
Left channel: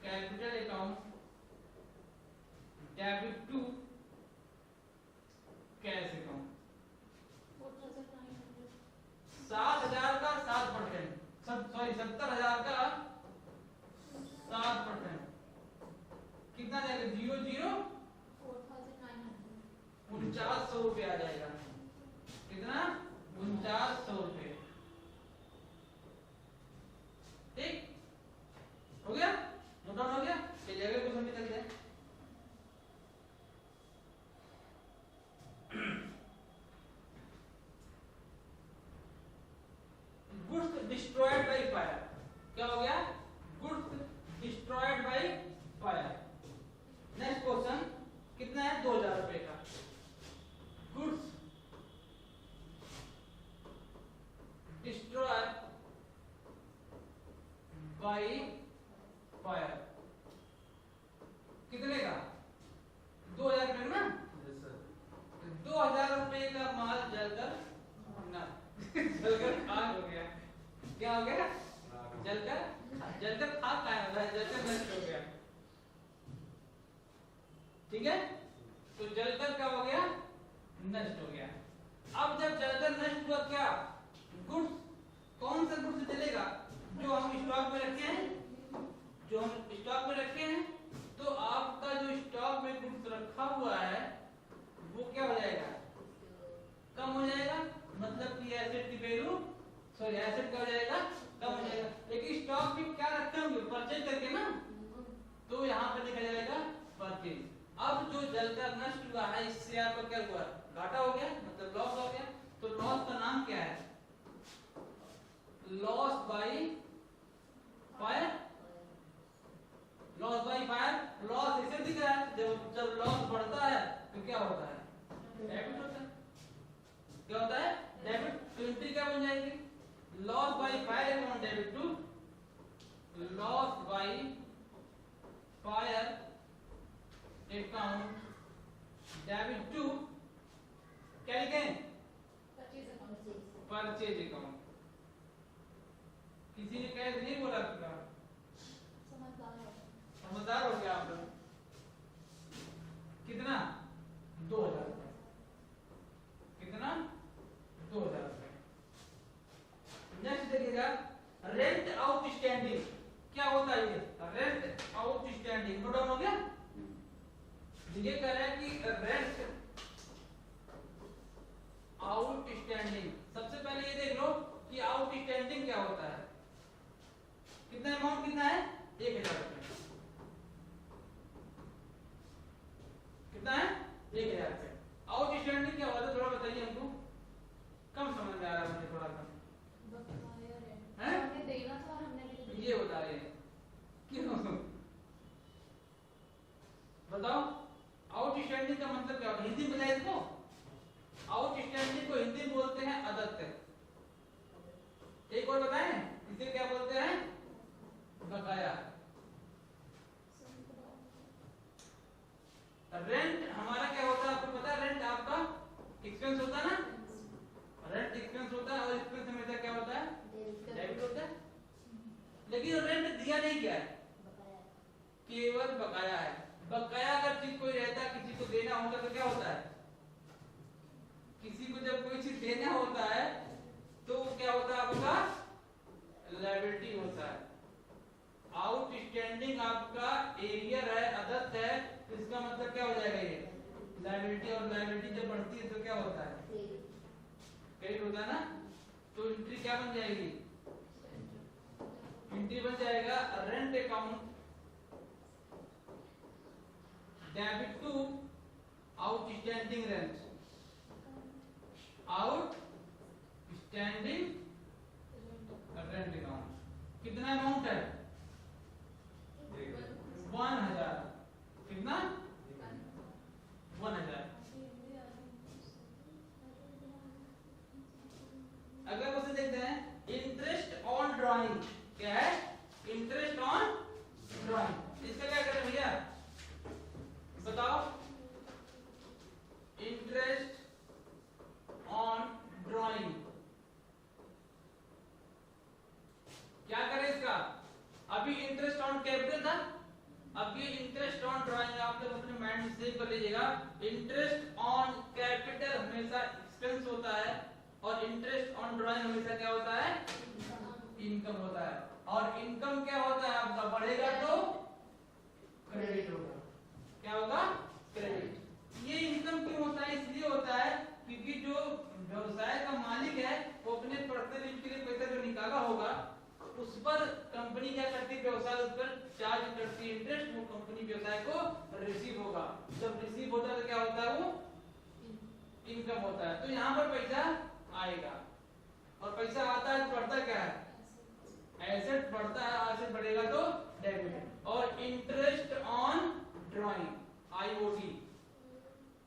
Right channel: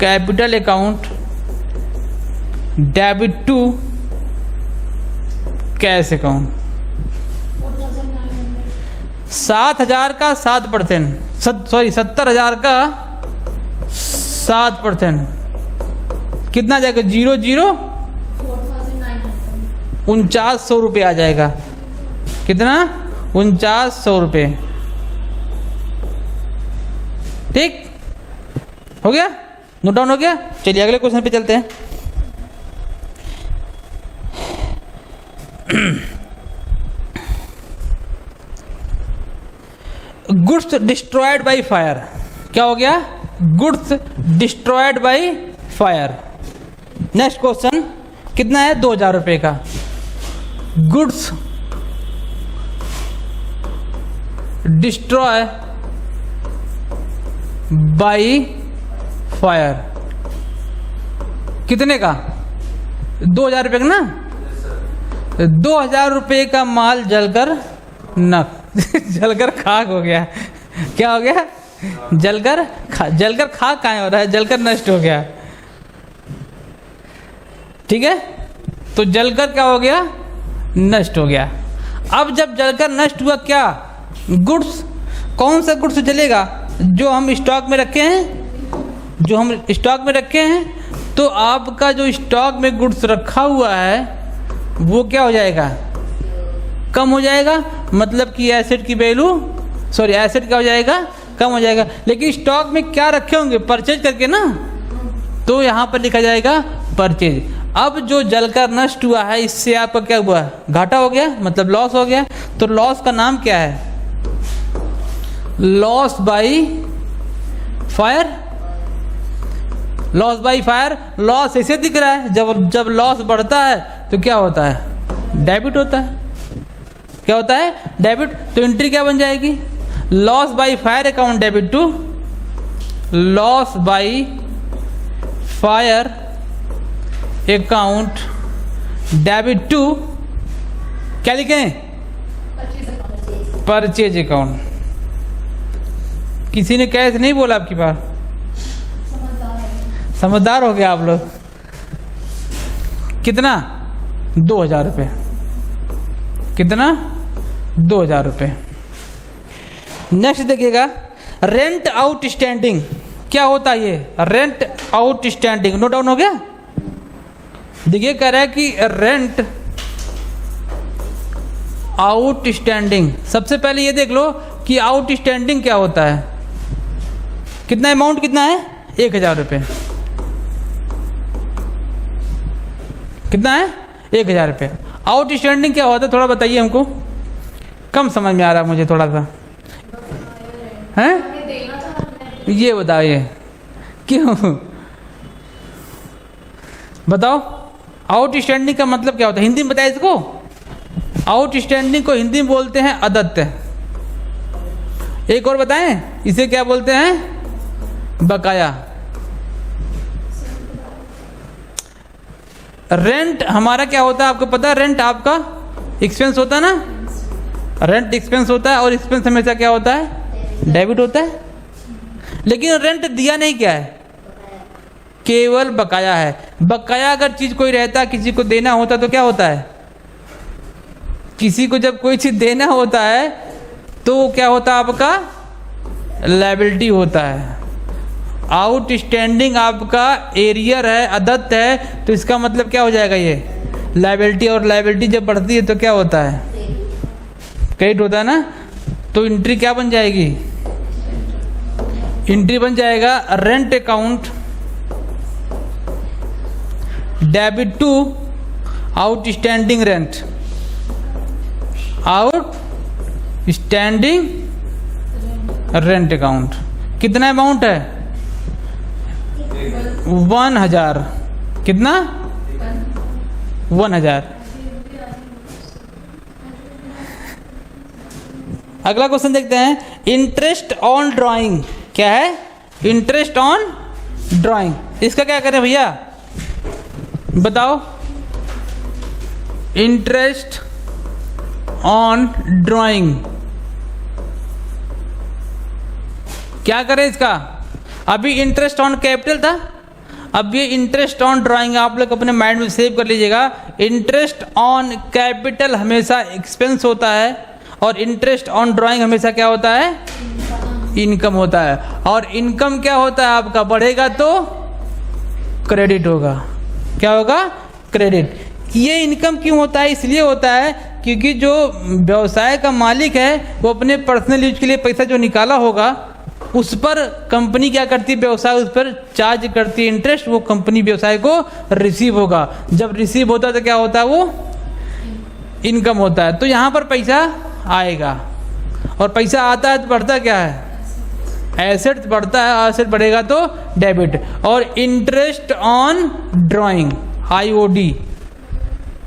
capital account debit to cash account. 7,000 का 7%, सॉरी 70,000 का 7%, कितना जाएगा? 0 4900 रुपये आ जाएगा। कितना? 4900 रुपये। ठीक हो गया? नोट डाउन हो गया? चलिए अगले क्वेश्चन पे चलते हैं। Goods destroyed by fire. क्या हो गया? Goods destroyed by fire. Next question कितना है, 2000 रुपये का। गुड्स डिस्ट्रॉय बाय फायर, कितने का, 2000 रुपये का ना। 2000 रुपये का माल जलकर जलकर खाक हो गया। क्या हो गया, जलकर खाक कहाँ हो रहा है, जलकर नष्ट हो गया। ठीक है, तो जलकर क्या हो गया, नष्ट हो गया। अब जब जलकर नष्ट हुआ, क्या गुड्स, कौन सा गुड्स जलेगा, जो हम स्टॉक में रखे हैं, जो हम स्टॉक में रखे हैं। तो आपका जो स्टॉक में गुड्स रखा हुआ है वो क्या हो जाएगा, कम हो जाएगा। मतलब कि एसेट की वैल्यू, सॉरी एसेट क्या हो जाएगा, कम हो जाएगा। लेकिन स्टॉक में क्या रखे होंगे, परचेज करके ना, तो यहाँ पर लिखा जाएगा परचेज। अब जो जलकर नष्ट हुआ है इससे आपका क्या हुआ, घाटा हो गया, मतलब लॉस हो गया। तो लॉस का नाम क्या है, loss by fire. Loss by fire, loss ऐसे दिख रहा है, जब लॉस बढ़ता है तो क्या होता है, डेबिट होता है। क्या होता है, डेबिट। तो एंट्री क्या बन जाएगी, loss by fire account debit to loss by fire account debit to, क्या लिखें, परचेज अकाउंट। किसी ने कैसे नहीं बोला आपकी बात, समझदार हो गया आप लोग। कितना, 2000 रुपये, कितना, 2000 रुपये। नेक्स्ट देखिएगा, रेंट आउटस्टैंडिंग। क्या होता है ये, रेंट आउटस्टैंडिंग। नोट डाउन हो गया। देखिए कह रहा है कि रेंट आउटस्टैंडिंग। सबसे पहले ये देख लो कि आउटस्टैंडिंग क्या होता है। कितना अमाउंट कितना है, 1000 रुपये। कितना है, 1000 रुपये। आउटस्टैंडिंग क्या होता है, थोड़ा बताइए हमको, कम समझ में आ रहा है मुझे थोड़ा सा, हैं ये बताइए क्यों, बताओ। आउटस्टैंडिंग का मतलब क्या होता है, हिंदी में बताइए इसको। आउटस्टैंडिंग को हिंदी में बोलते हैं अदत्त। एक और बताएं, इसे क्या बोलते हैं, बकाया। रेंट हमारा क्या होता है आपको पता है, रेंट आपका एक्सपेंस होता है ना, रेंट एक्सपेंस होता है। और एक्सपेंस हमेशा क्या होता है, डेबिट होता है। लेकिन रेंट दिया नहीं क्या है, केवल बकाया है। बकाया अगर चीज कोई रहता, किसी को देना होता तो क्या होता है, किसी को जब कोई चीज देना होता है तो क्या होता है, आपका लायबिलिटी होता है। आउटस्टैंडिंग आपका एरियर है, अदत्त है, तो इसका मतलब क्या हो जाएगा, ये लायबिलिटी। और लायबिलिटी जब बढ़ती है तो क्या होता है, क्रेडिट होता है ना। तो एंट्री क्या बन जाएगी, एंट्री बन जाएगा rent account debit to outstanding rent. Outstanding rent account. कितना अमाउंट है, 1000। कितना, 1000। अगला क्वेश्चन देखते हैं, इंटरेस्ट ऑन ड्राइंग। क्या है, इंटरेस्ट ऑन ड्राइंग। इसका क्या करें भैया, बताओ। इंटरेस्ट ऑन ड्राइंग क्या करें इसका। अभी इंटरेस्ट ऑन कैपिटल था, अब ये इंटरेस्ट ऑन ड्राइंग। आप लोग अपने माइंड में सेव कर लीजिएगा। इंटरेस्ट ऑन कैपिटल हमेशा एक्सपेंस होता है और इंटरेस्ट ऑन ड्राइंग हमेशा क्या होता है, इनकम होता है। और इनकम क्या होता है आपका, बढ़ेगा तो क्रेडिट होगा। क्या होगा, क्रेडिट। ये इनकम क्यों होता है, इसलिए होता है क्योंकि जो व्यवसाय का मालिक है वो अपने पर्सनल यूज के लिए पैसा जो निकाला होगा उस पर कंपनी क्या करती है, व्यवसाय उस पर चार्ज करती है इंटरेस्ट। वो कंपनी व्यवसाय को रिसीव होगा। जब रिसीव होता है तो क्या होता है, वो इनकम होता है। तो यहाँ पर पैसा आएगा और पैसा आता है तो बढ़ता क्या है, एसेट बढ़ता है, एसेट बढ़ेगा तो डेबिट। और interest on drawing, IOD,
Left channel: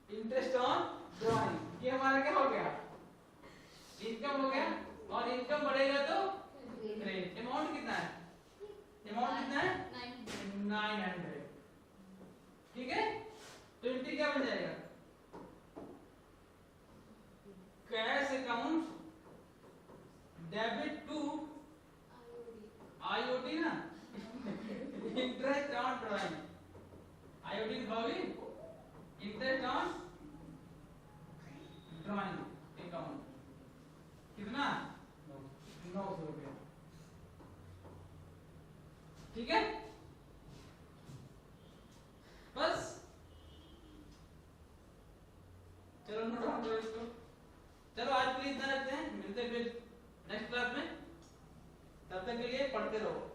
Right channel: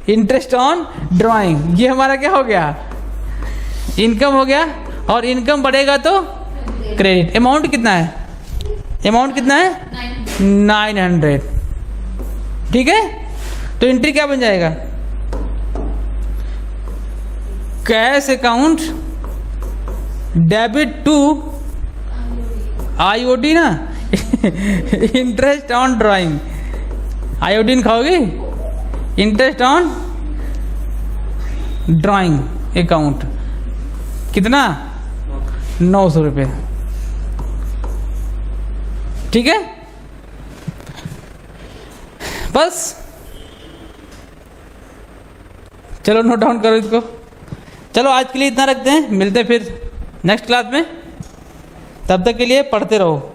interest on drawing, ये हमारा क्या हो गया, इनकम हो गया। और इनकम बढ़ेगा तो क्रेडिट। अमाउंट कितना है, अमाउंट कितना है 900, ठीक है। तो एंट्री क्या बन जाएगा, cash account debit to IOD ना इंटरेस्ट ऑन ड्राइंग, आयोडीन खाओगे, इंटरेस्ट ऑन ड्राइंग अकाउंट कितना 900 रुपये, ठीक है। बस चलो नोट डाउन करो इसको। चलो आज के लिए इतना रखते हैं, मिलते हैं फिर नेक्स्ट क्लास में। तब तक के लिए पढ़ते रहो।